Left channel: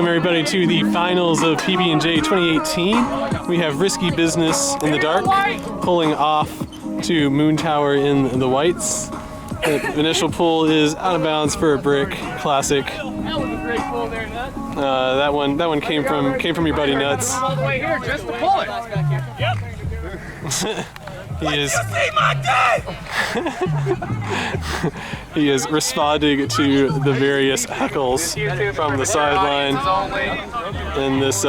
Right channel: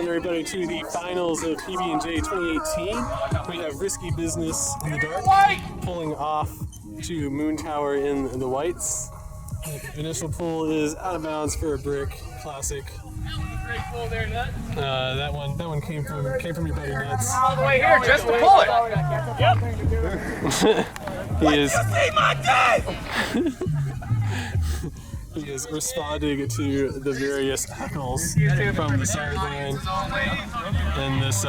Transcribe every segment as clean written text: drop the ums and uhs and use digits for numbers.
welcome everybody to the finals of PB&J 2018. We have Risky Business in the dark, pulling off to Moontwer in the whites. The initial pull is out of bounds for a brick, classic. That was a great pull there, Nuts. That one came from your buddy Nuts. All the way here just to pull it. Yep. He is responding to the various heckles from the sideline in this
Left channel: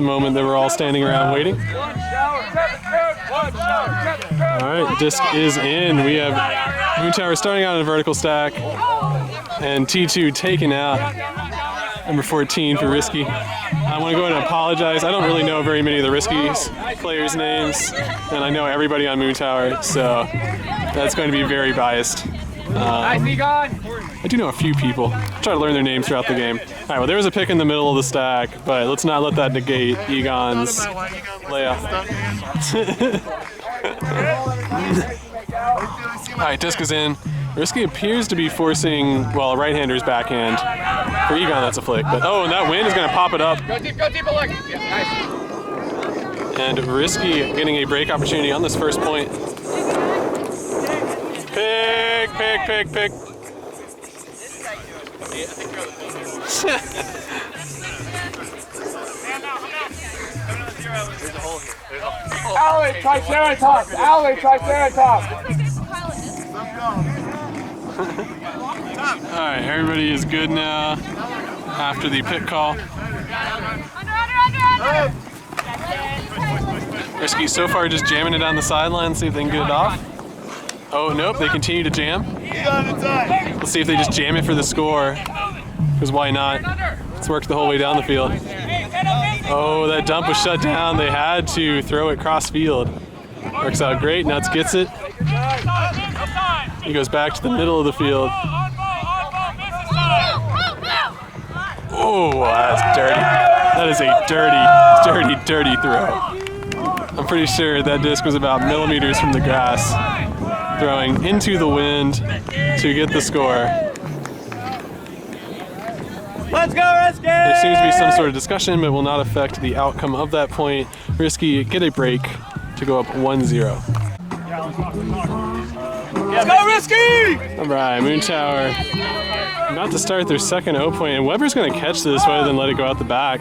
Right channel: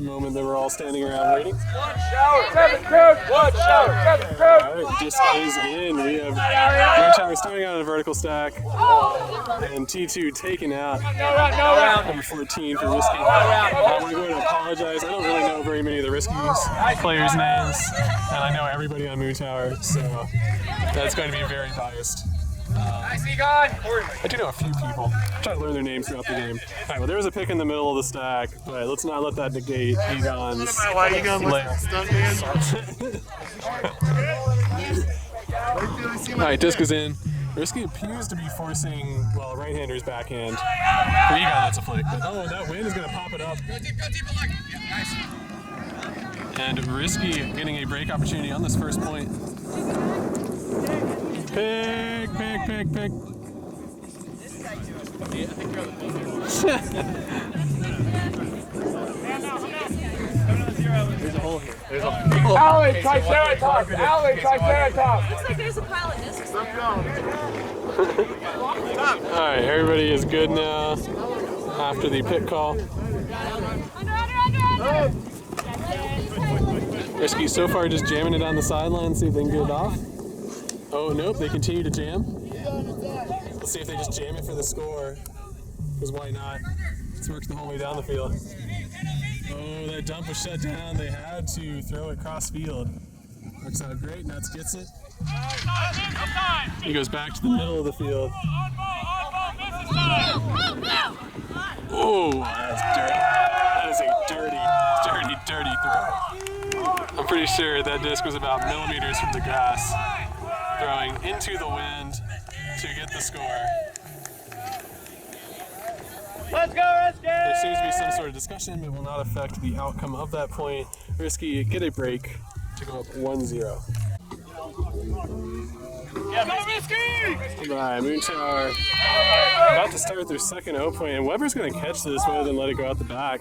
moment that we're all standing around waiting. One shower, Kevin Coach. One shower, Kevin Coach. All right, disc is in. We have Moontwer starting out in a vertical stack, and T2 taken out. Number 14 for Risky. I want to go ahead and apologize. I don't really know very many of the Risky players' names, and I know everybody on Moontwer, so that's going to be very biased. I do know a few people. I'll try to learn their names throughout the game. All right, well, there was a pick in the middle of the stack, but let's not let that negate Egon's layup. All right, disc is in. Risky appears to be forcing, well, a right-hander's backhand. For Egon, that's a flick. But, oh, and that wind is going to pop it up. Go deep, Alec. Yeah, nice. And Risky getting a break opportunity on this first point. Pick. There's a hole here. Allie, Triceratops. Allie, Triceratops. Looks like there's a pile of discs. All right, everybody is good now after the pit call. Under. Risky so far just jamming it on the sideline, see if they can get it off. Oh, nope, they continue to jam. Let's see if they just jam it for the score, because why not? It's worked the whole way down the field. Oh, that dump was shut down. They had to throw it cross field. Works out great. Nuts gets it. He goes back to the middle of the field. Oh, that's dirty. That is a dirty throw. I'm pretty sure that disc was about millimeters from the grass, throwing into the wind to get the score. Let's go, Risky! There seems to be some sort of discussion, but will not affect the outcome of that point. Risky get a break to go up 1-0. Let's go, Risky! All right, Moontwer about to start their second O point, and Weber's going to catch this rather than let it go out the back.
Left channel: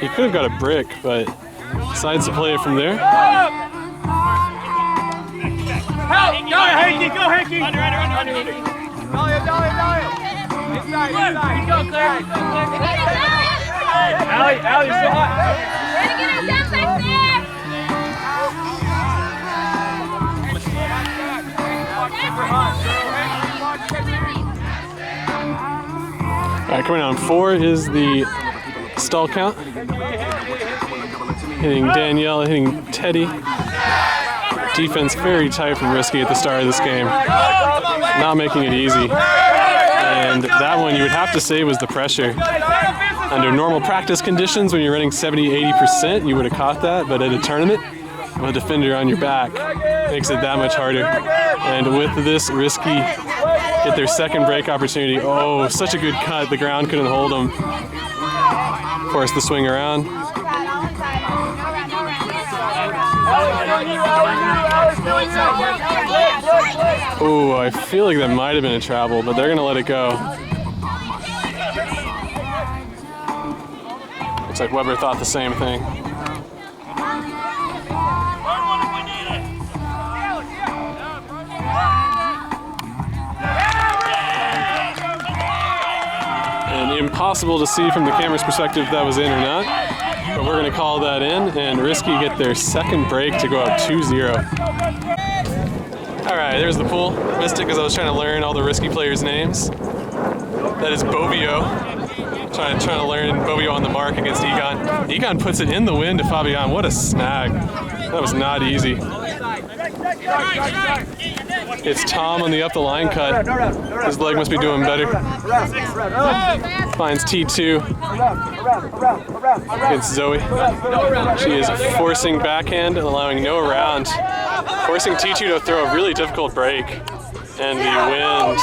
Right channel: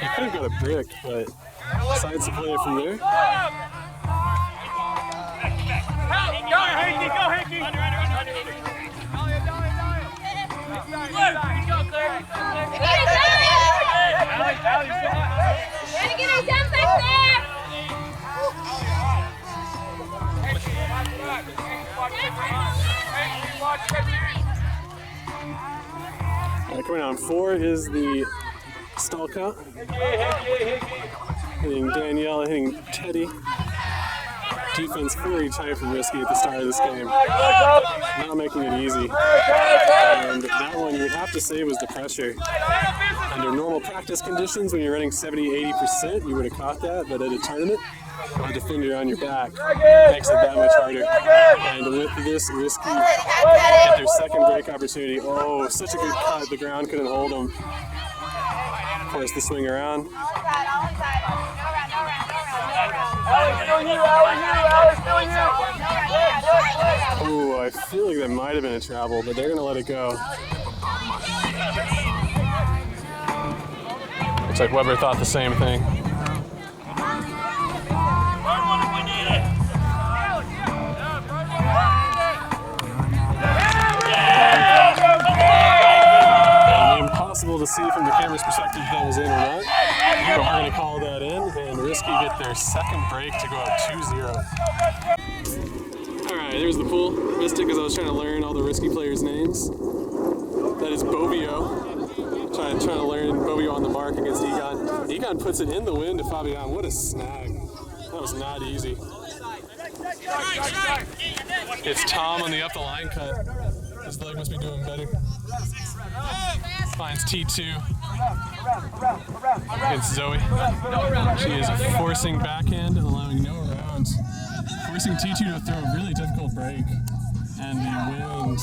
He could have got a brick, but decides to play it from there. Go, Hanky! Under. Dahlia. Inside. Go, Claire. Allie, still hot. Trying to get our depth back there. All right, coming on 4 is the stall count. Hitting Danielle, hitting Teddy. Defense very tight from Risky at the start of this game. Not making it easy. And that one you would have to say was the pressure. Under normal practice conditions, when you're running 70-80%, you would have caught that, but at a tournament, with a defender on your back, makes it that much harder. And with this, Risky get their second break opportunity. Oh, such a good cut. The ground couldn't hold them. Of course, the swing around. Oh, I feel like that might have been a travel, but they're going to let it go. Looks like Weber thought the same thing. Impossible to see from the camera's perspective if that was in or not, but we're going to call that in, and Risky get their second break to go up 2-0. All right, there's the pool. Missed it because I was trying to learn all the Risky players' names. That is Bobio. Trying to learn Bobio on the mark against Egon. Egon puts it in the wind to Fabian. What a snag. That was not easy. It's Tom on the up the line cut. His leg must be doing better. Finds T2 against Zoe. She is forcing backhand and allowing no round. Forcing T2 to throw a really difficult break. And the wind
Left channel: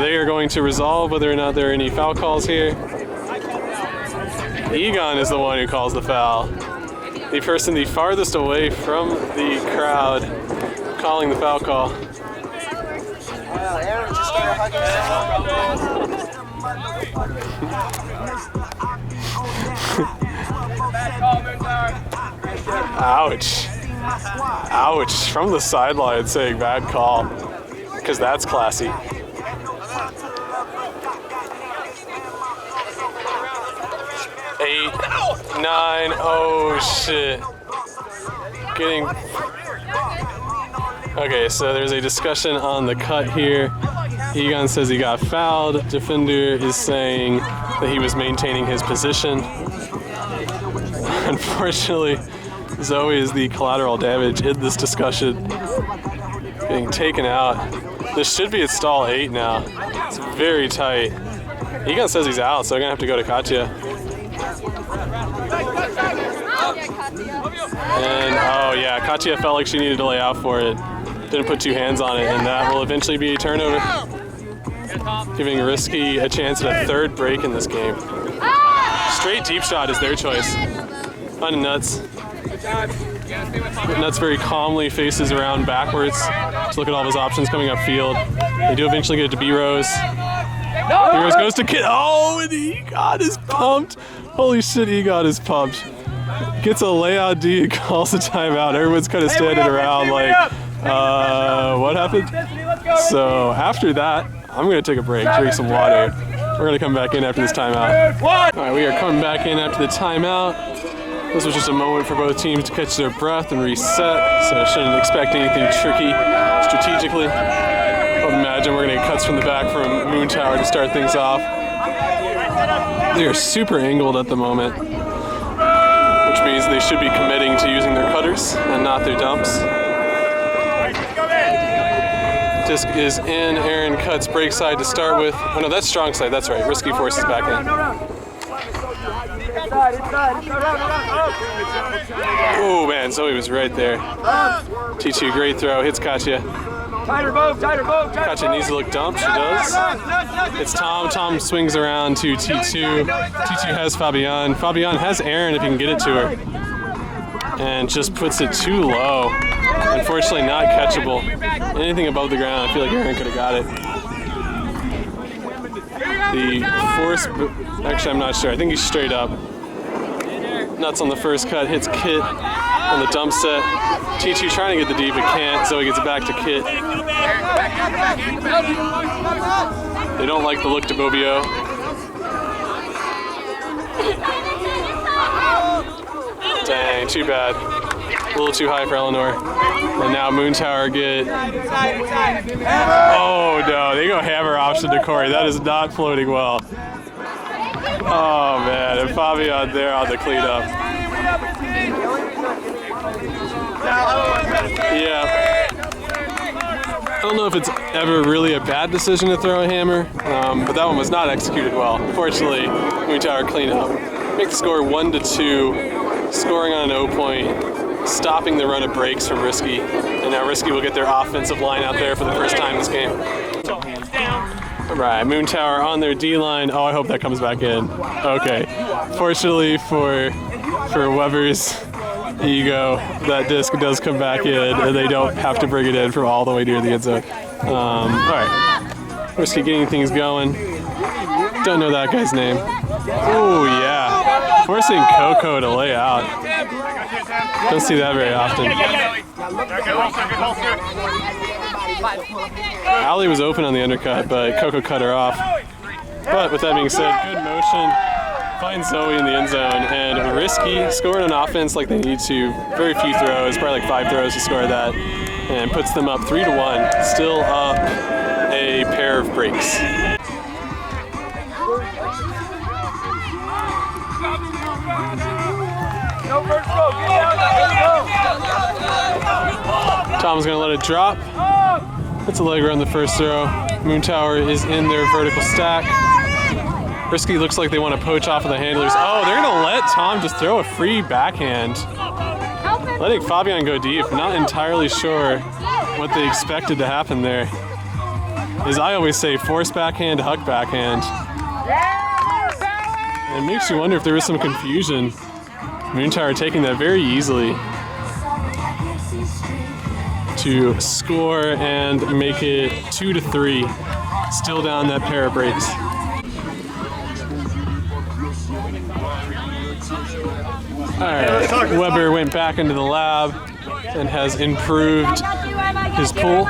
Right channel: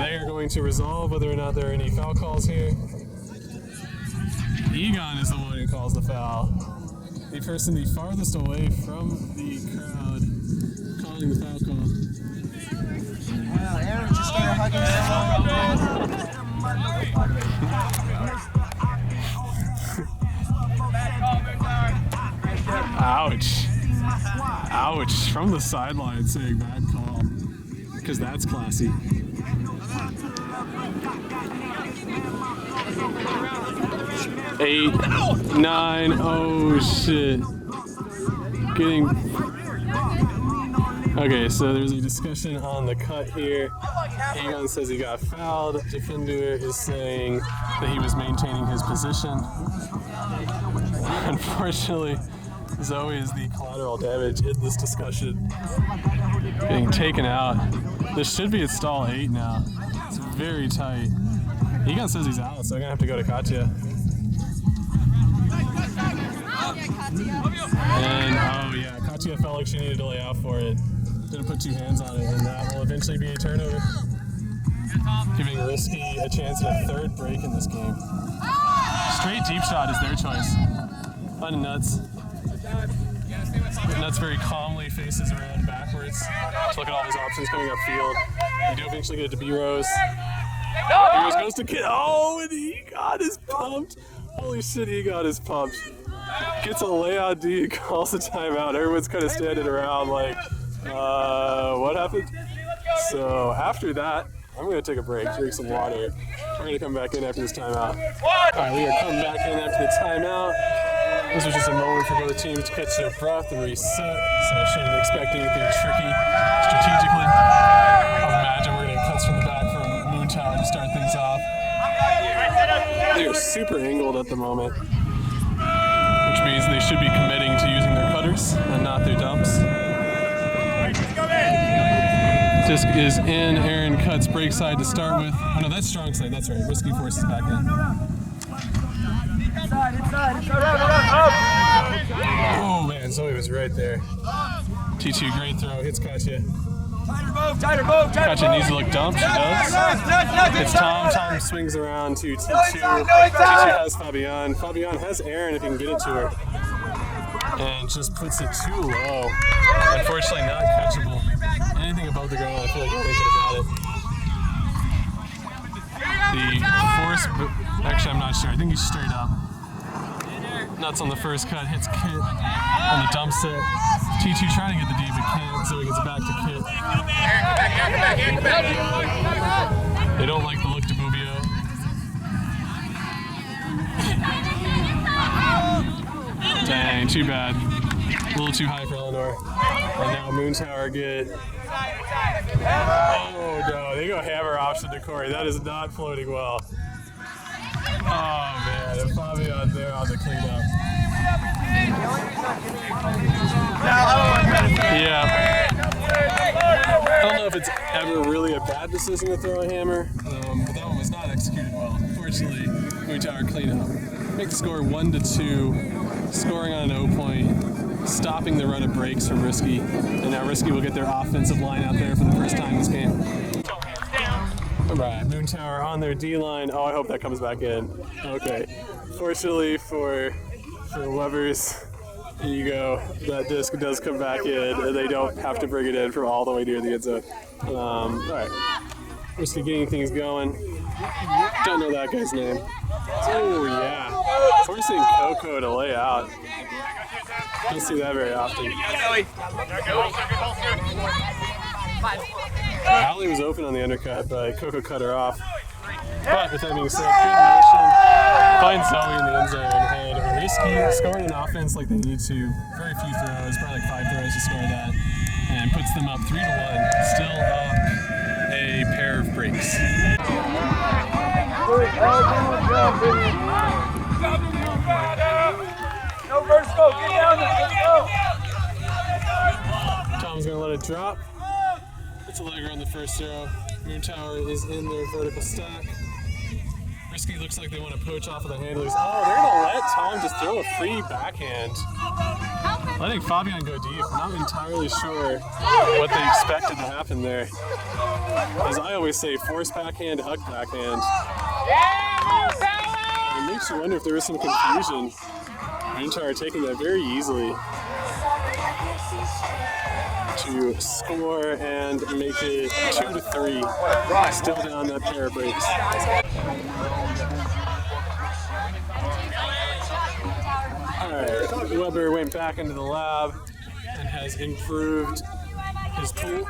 They are going to resolve whether or not there are any foul calls here. Egon is the one who calls the foul. The person the farthest away from the crowd calling the foul call. Wow, Aaron just started hugging Ouch. Ouch. From the sideline saying bad call. Because that's classy. Eight, 9, oh shit. Getting... Okay, so there's a discussion on the cut here. Egon says he got fouled. Defender is saying that he was maintaining his position. Unfortunately, Zoe is the collateral damage in this discussion. Getting taken out. This should be at stall 8 now. It's very tight. Egon says he's out, so they're gonna have to go to Katya. And oh yeah, Katya felt like she needed to lay out for it. Didn't put 2 hands on it, and that will eventually be a turnover. Giving Risky a chance at a 3rd break in this game. Straight deep shot is their choice. On Nuts. Nuts very calmly faces around backwards to look at all of his options coming upfield. They do eventually get it to B-Rose. B-Rose goes to Kid. Oh, and Egon is pumped. Holy shit, Egon is pumped. Gets a layout D and calls a timeout. Everyone's kind of standing around like, what happened? So after that, I'm going to take a break, drink some water. We're going to come back in after this timeout. All right, we are coming back in after the timeout. This was just a moment for both teams to catch their breath and reset, so shouldn't expect anything tricky strategically. I would imagine we're going to get cuts from the back from Moontwer to start things off. They are super angled at the moment, which means they should be committing to using their cutters and not their dumps. Disc is in, Aaron cuts break side to start with. Oh no, that's strong side, that's right. Risky forces back in. Oh man, Zoe was right there. T2, great throw, hits Katya. Katya needs to look dumped, she does. It's Tom, Tom swings around to T2. T2 has Fabian. Fabian has Aaron if he can get it to her. And just puts it too low. Unfortunately not catchable. Anything above the ground, I feel like Aaron could have got it. The force, actually I'm not sure, I think he's straight up. Nuts on the first cut, hits Kit on the dump set. T2 trying to get the D but can't, so he gets it back to Kit. They don't like the look to Bobio. Dang, too bad. A little too high for Eleanor. And now Moontwer get... Oh no, they go hammer option to Corey. That is not floating well. Oh man, and Fabian there on the cleanup. Yeah. I don't know if it's ever really a bad decision to throw a hammer, but that one was not executed well. Fortunately, Moontwer clean up. Make the score 1-2, scoring on an 0 point, stopping the run of breaks from Risky, and now Risky will get their offensive line out there for the first time this game. All right, Moontwer on their D-line. Oh, I hope that comes back in. Okay. Fortunately for Weber's ego, that disc does come back in, and they don't have to bring it in from all the way near the end zone. All right. Risky getting things going. Don't know that guy's name. Oh, yeah. Forcing Coco to lay out. Don't see that very often. Allie was open on the undercut, but Coco cut her off. But with that being said, good motion. Finds Zoe in the end zone, and Risky scoring on offense like they need to. Very few throws, probably like 5 throws to score that, and puts them up 3-1. Still up a pair of breaks. No first go, get down there, let's go. Tom's gonna let it drop. It's a leg on the first throw. Moontwer is in their vertical stack. Risky looks like they want to poach off of the handlers. Oh, they're gonna let Tom just throw a free backhand. Help him. letting Fabian go deep. Not entirely sure what they expected to happen there. As I always say, force backhand, huck backhand. And it makes you wonder if there was some confusion. Moontwer taking that very easily to score and make it 2-3. Still down that pair of breaks. Alright, Weber went back into the lab and has improved his pull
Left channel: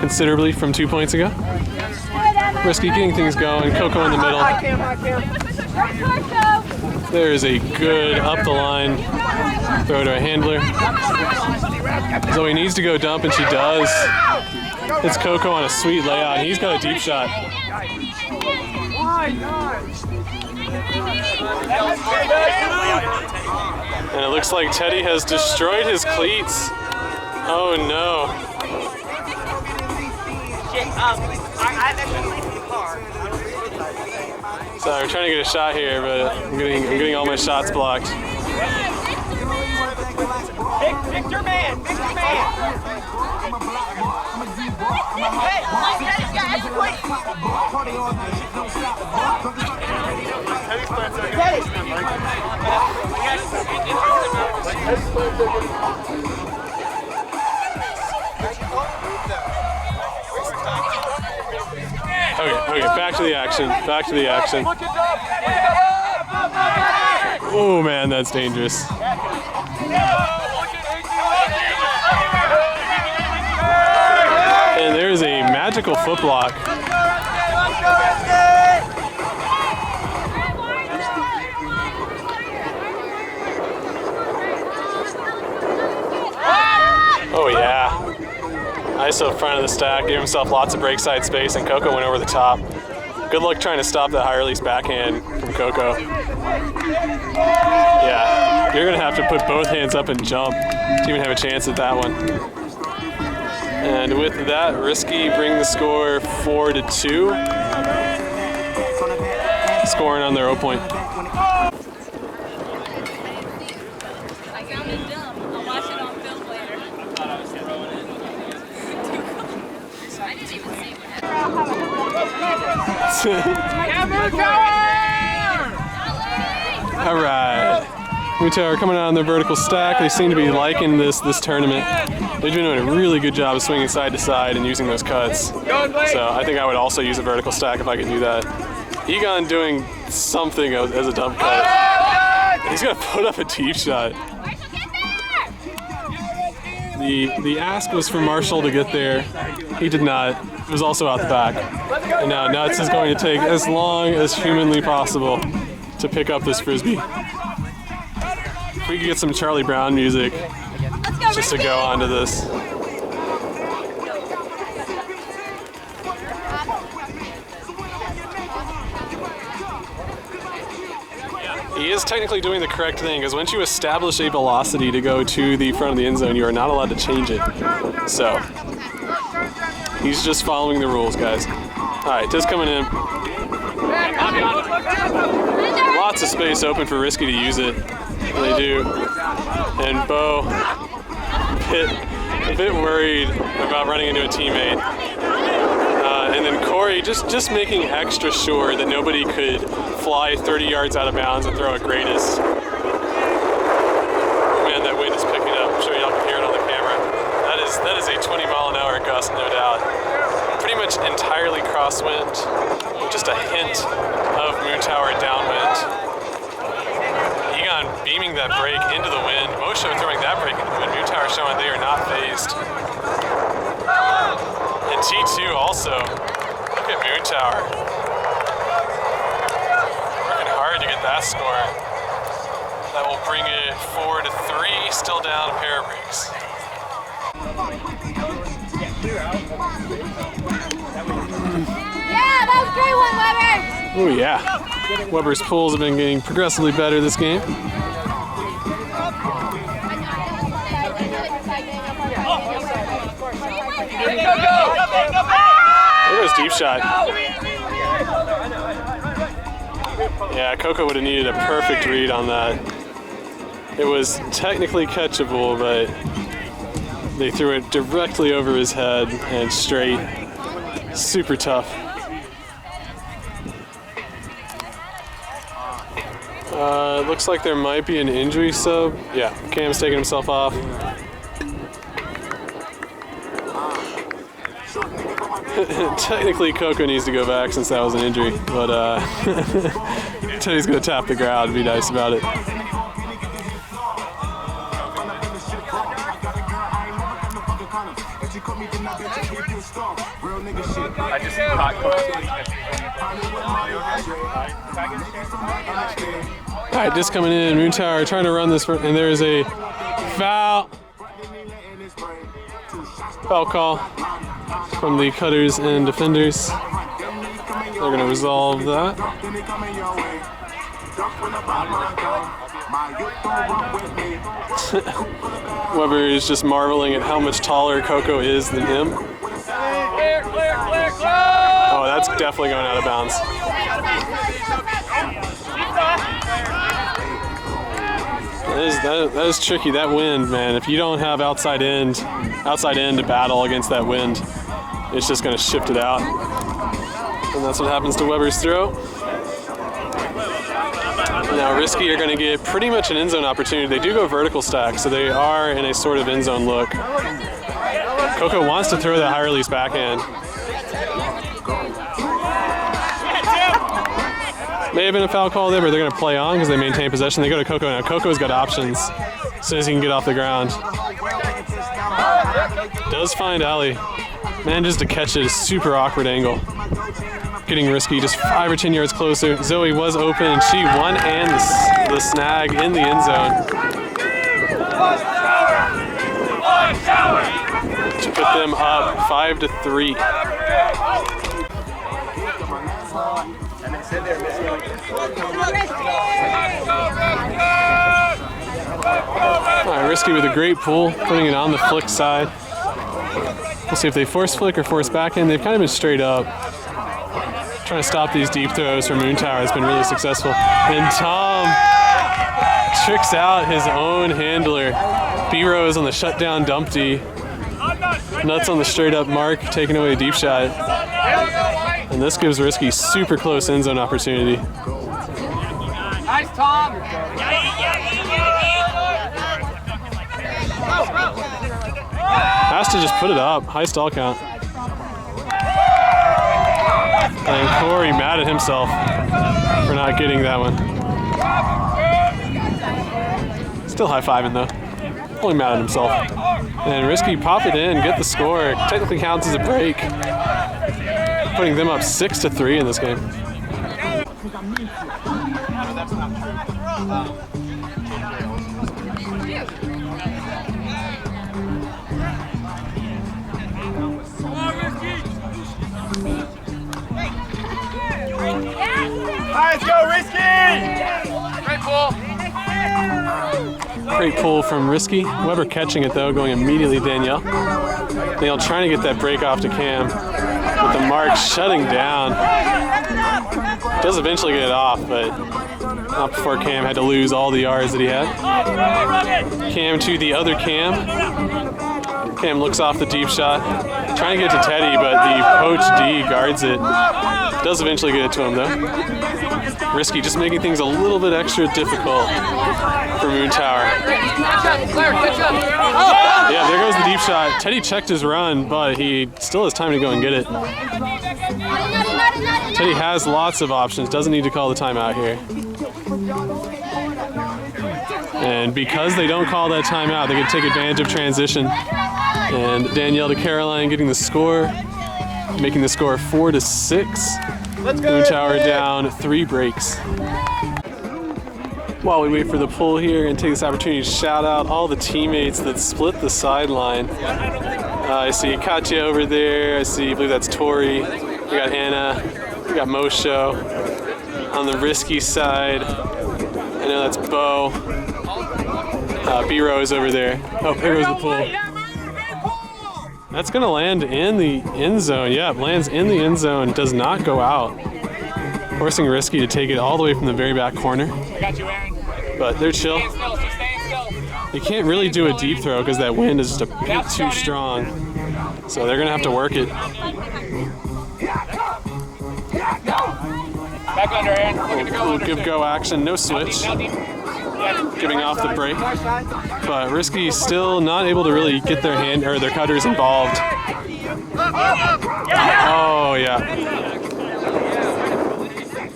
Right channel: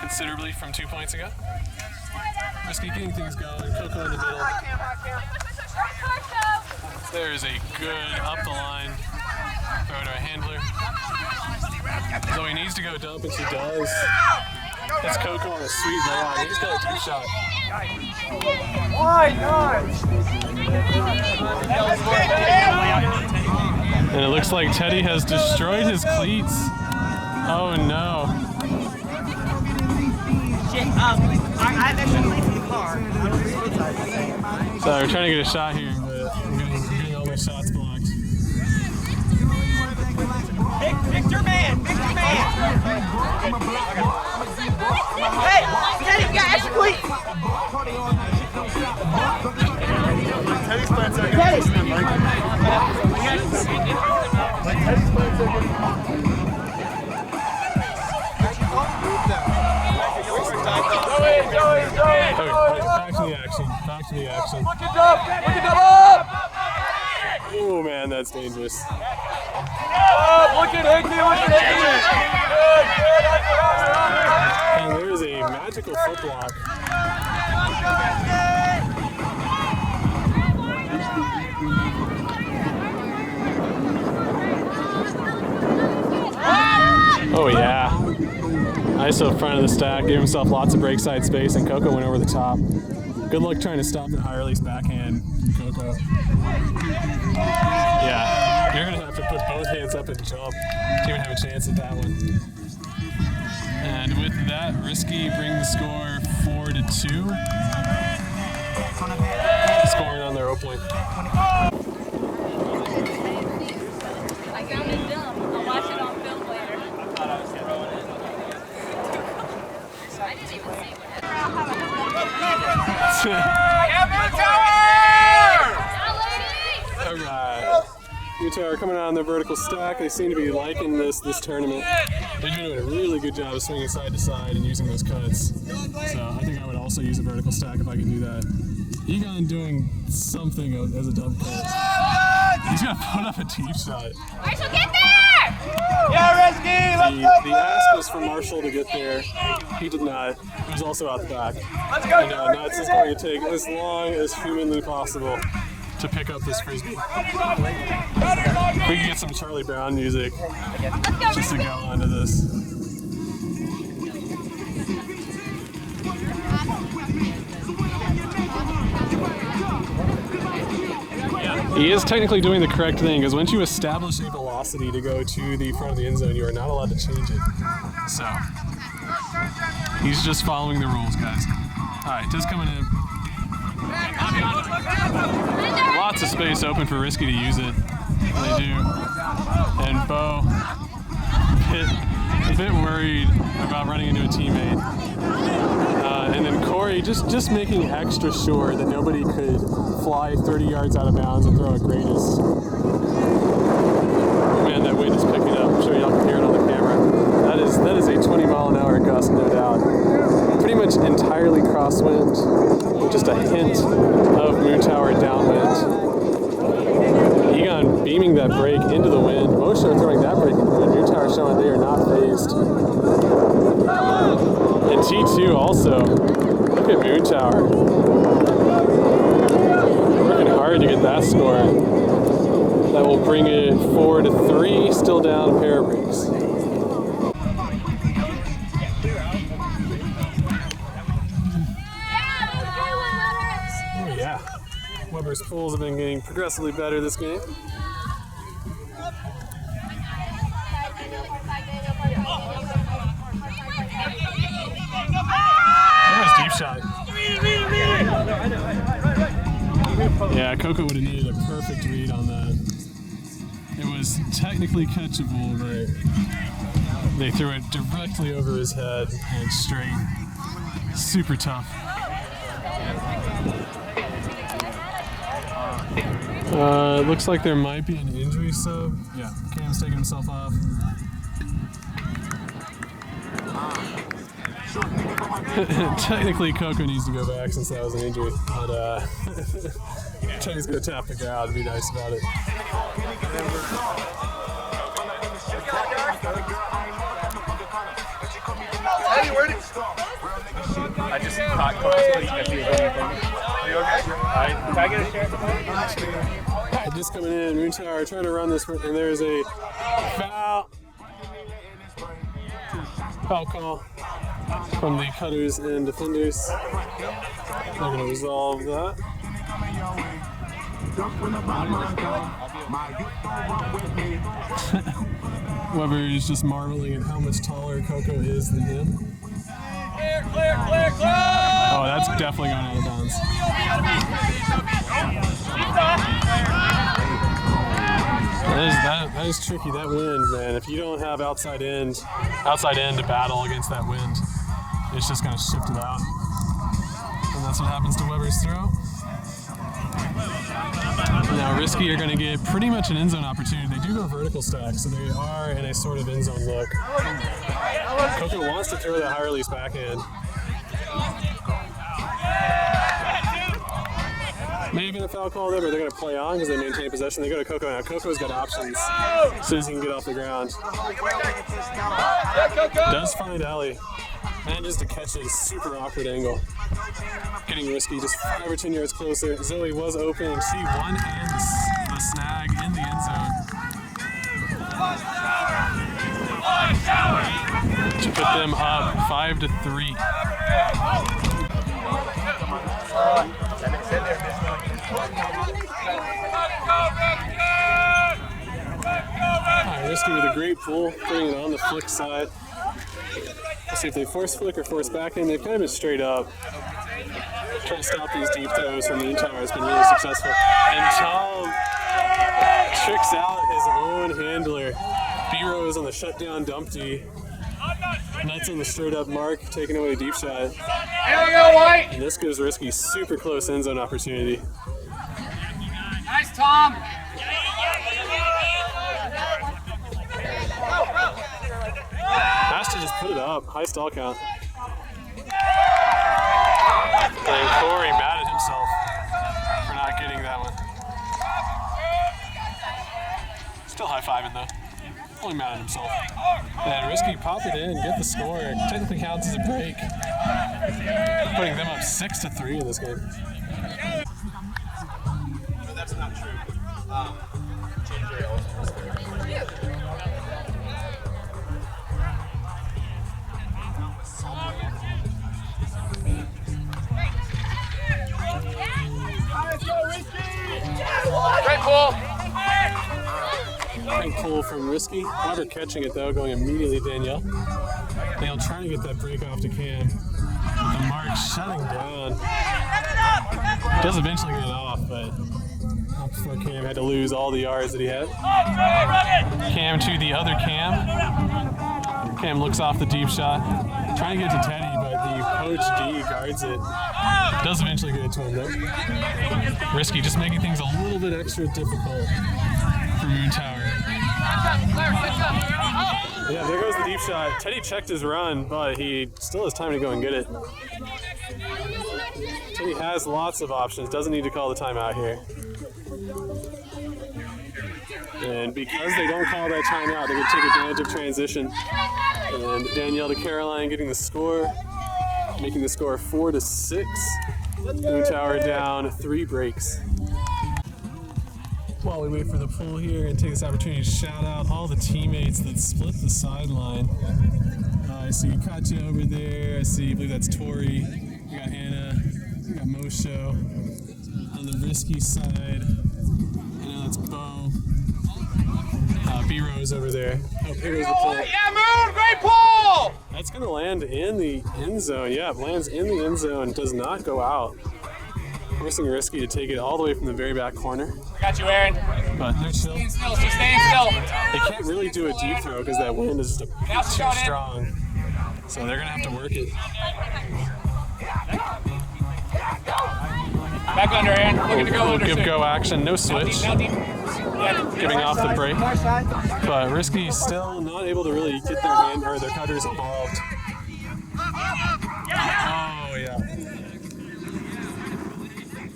considerably from 2 points ago. Risky getting things going, Coco in the middle. There's a good up the line throw to a handler. Zoe needs to go dump and she does. It's Coco on a sweet layout. He's got a deep shot. Why not? And it looks like Teddy has destroyed his cleats. Oh no. So we're trying to get a shot here, but I'm getting all my shots blocked. Victor man! Victor man! Hey! Teddy, you got extra cleat! Teddy's playing so good. Okay, back to the action. Back to the action. Look it up! Look it up! Oh man, that's dangerous. Look at Hickey! Look at Hickey! And there's a magical foot block. Oh yeah. ISO front of the stack, gave himself lots of break side space, and Coco went over the top. Good luck trying to stop that high release backhand from Coco. Yeah, you're gonna have to put both hands up and jump to even have a chance at that one. And with that, Risky bring the score 4-2. Scoring on their 0 point. I found it dumb. I'll watch it on film later. I didn't even see what happened. All right. Moontwer coming out on their vertical stack. They seem to be liking this tournament. They're doing a really good job of swinging side to side and using those cuts. So I think I would also use a vertical stack if I could do that. Egon doing something as a dump cut. He's gonna put up a deep shot. Marshall, get there! The ask was for Marshall to get there. He did not. It was also out the back. And now Nuts is going to take as long as humanly possible to pick up this frisbee. If we could get some Charlie Brown music just to go onto this. He is technically doing the correct thing, because once you establish a velocity to go to the front of the end zone, you are not allowed to change it. So, he's just following the rules, guys. All right, just coming in. Lots of space open for Risky to use it. They do. And Bo, a bit worried about running into a teammate. And then Corey just making extra sure that nobody could fly 30 yards out of bounds and throw a greatest. Man, that wind is picking up. I'm sure y'all can hear it on the camera. That is a 20-mile-an-hour gust, no doubt. Pretty much entirely crosswind, just a hint of Moontwer downwind. Egon beaming that break into the wind. Mosho throwing that break into the wind. Moontwer showing they are not phased. And T2 also. Look at Moontwer. Working hard to get that score. That will bring it 4-3. Still down a pair of breaks. Yeah, that was a great one, Weber! Oh yeah. Weber's pulls have been getting progressively better this game. There goes deep shot. Yeah, Coco would have needed a perfect read on that. It was technically catchable, but they threw it directly over his head and straight. Super tough. It looks like there might be an injury sub. Yeah, Cam's taking himself off. Technically, Coco needs to go back since that was an injury, but Teddy's gonna tap the ground and be nice about it. I just caught Coco. Can I get a share? All right, just coming in, Moontwer trying to run this, and there is a foul. Foul call from the cutters and defenders. They're going to resolve that. Weber is just marveling at how much taller Coco is than him. Oh, that's definitely going out of bounds. That is tricky. That wind, man. If you don't have outside end to battle against that wind, it's just going to shift it out. And that's what happens to Weber's throw. Now Risky are going to get pretty much an end zone opportunity. They do go vertical stack, so they are in a sort of end zone look. Coco wants to throw that high release backhand. May have been a foul call there, but they're going to play on because they maintain possession. They go to Coco now. Coco's got options as soon as he can get off the ground. Does find Ali. Manages to catch it, a super awkward angle. Getting Risky just 5 or 10 yards closer. Zoe was open and she won and the snag in the end zone to put them up 5-3. All right, Risky with a great pull, putting it on the flick side. We'll see if they force flick or force back in. They've kind of been straight up. Trying to stop these deep throws from Moontwer has been really successful. And Tom tricks out his own handler. B-Rose on the shutdown dumpty. Nuts on the straight up mark, taking away a deep shot. And this gives Risky super close end zone opportunity. Nice, Tom. Has to just put it up. High stall count. And Corey mad at himself for not getting that one. Still high-fiving though. Only mad at himself. And Risky pop it in, get the score. Technically counts as a break. Putting them up 6-3 in this game. That's not true. Let's go, Risky! Great pull. Great pull from Risky. Weber catching it though, going immediately to Danielle. Danielle trying to get that break off to Cam. With the mark shutting down. Does eventually get it off, but not before Cam had to lose all the yards that he had. Cam to the other Cam. Cam looks off the deep shot. Trying to get to Teddy, but the poach D guards it. Does eventually get it to him though. Risky just making things a little bit extra difficult for Moontwer. Yeah, there goes the deep shot. Teddy checked his run, but he still has time to go and get it. Teddy has lots of options, doesn't need to call the timeout here. And because they don't call that timeout, they can take advantage of transition. And Danielle to Caroline getting the score, making the score 4-6. Moontwer down 3 breaks. While we wait for the pull here and take this opportunity to shout out all the teammates that split the sideline. I see Katya over there. I believe that's Tori. We got Anna. We got Mosho. On the Risky side, I know that's Bo. B-Rose over there. Oh, there goes the pull. Yeah, Moon, great pull! That's gonna land in the end zone. Yeah, it lands in the end zone, does not go out. forcing Risky to take it all the way from the very back corner. I got you, Aaron. But they're chill. Staying still, she's staying still. They can't really do a deep throw because that wind is just a bit too strong. So they're going to have to work it. Back under, Aaron. Looking to go under. Give go action, no switch. Giving off the break. But Risky still not able to really get their hand or their cutters involved. Oh, yeah.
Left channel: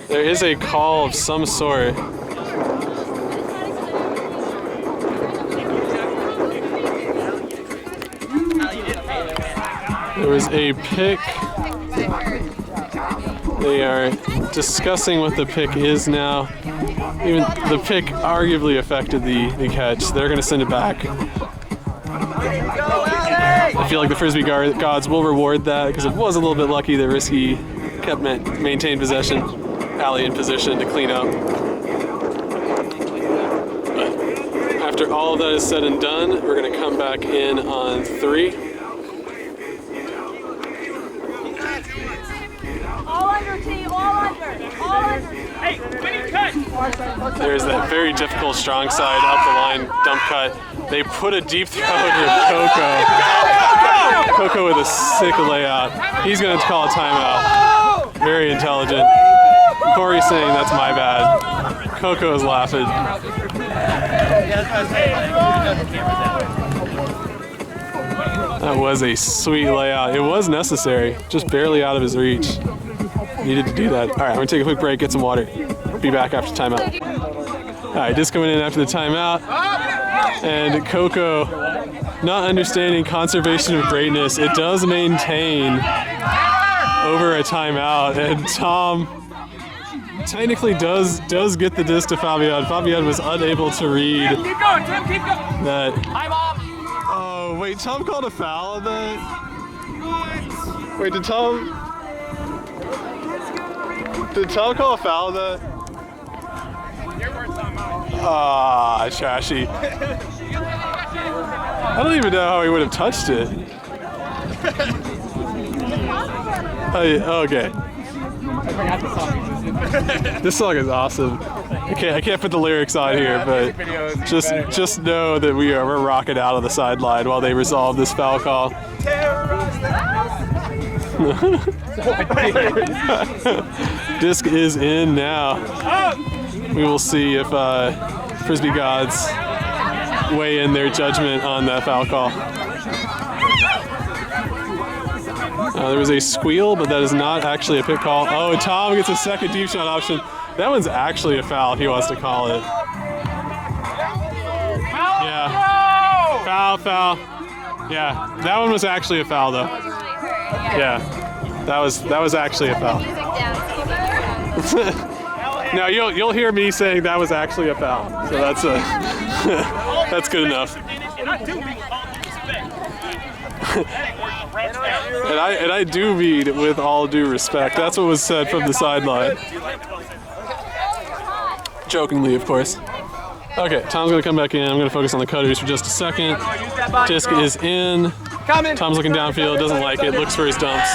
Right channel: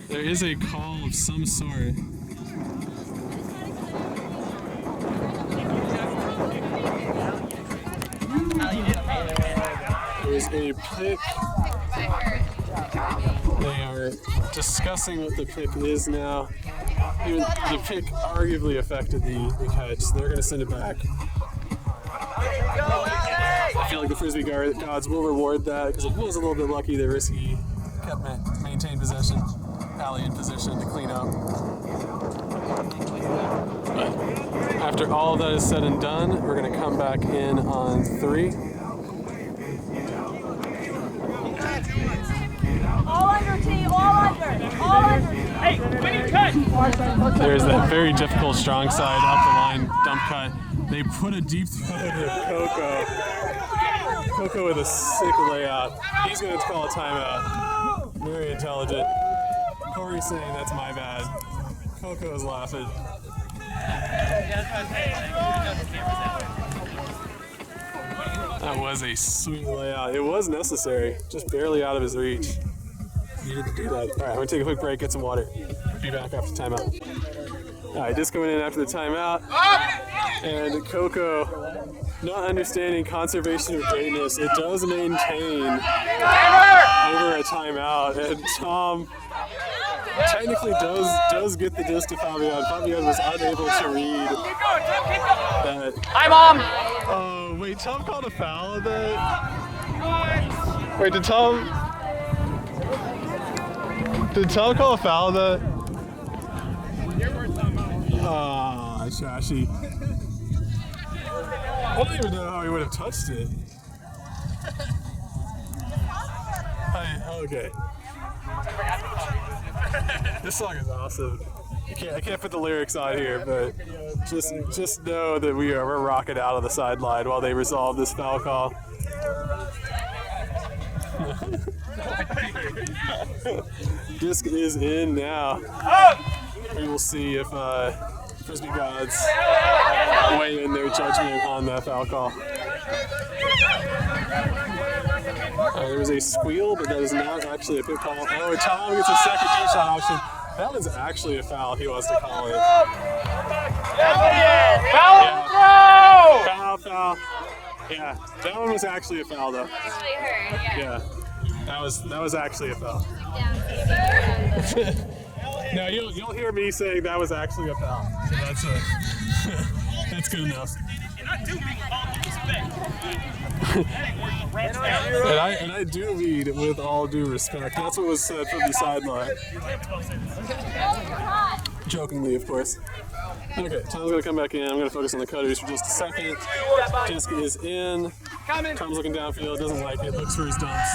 There is a call of some sort. There was a pick. They are discussing what the pick is now. Even the pick arguably affected the catch. They're going to send it back. I feel like the Frisbee gods will reward that because it was a little bit lucky that Risky kept maintained possession. Allie in position to clean up. But after all of that is said and done, we're going to come back in on 3. All under, T, all under, all under. Hey, winning cut! There's that very difficult strong side up the line dump cut. They put a deep throw to Coco. Coco with a sick layout. He's going to call a timeout. Very intelligent. Corey's saying that's my bad. Coco is laughing. That was a sweet layout. It was necessary, just barely out of his reach. Needed to do that. All right, we're gonna take a quick break, get some water. Be back after timeout. All right, just coming in after the timeout. And Coco, not understanding conservation of greatness, it does maintain over a timeout. And Tom technically does get the disc to Fabian. Fabian was unable to read Keep going, Tim, keep going. that. Hi, Mom. Oh, wait, Tom called a foul on that? Wait, did Tom call a foul on that? Ah, trashy. I don't even know how he would have touched it. Okay. This song is awesome. I can't put the lyrics on here, but just know that we're rocking out on the sideline while they resolve this foul call. Disc is in now. We will see if Frisbee gods weigh in their judgment on that foul call. There was a squeal, but that is not actually a pick call. Oh, Tom gets a second deep shot option. That one's actually a foul if he wants to call it. Foul! Yeah. Foul. Yeah, that one was actually a foul though. Yeah, that was actually a foul. No, you'll hear me saying that was actually a foul. So that's that's good enough. And I do mean with all due respect. That's what was said from the sideline. Jokingly, of course. Okay, Tom's gonna come back in. I'm gonna focus on the cutters for just a second. Disc is in. Tom's looking downfield, doesn't like it, looks for his dumps.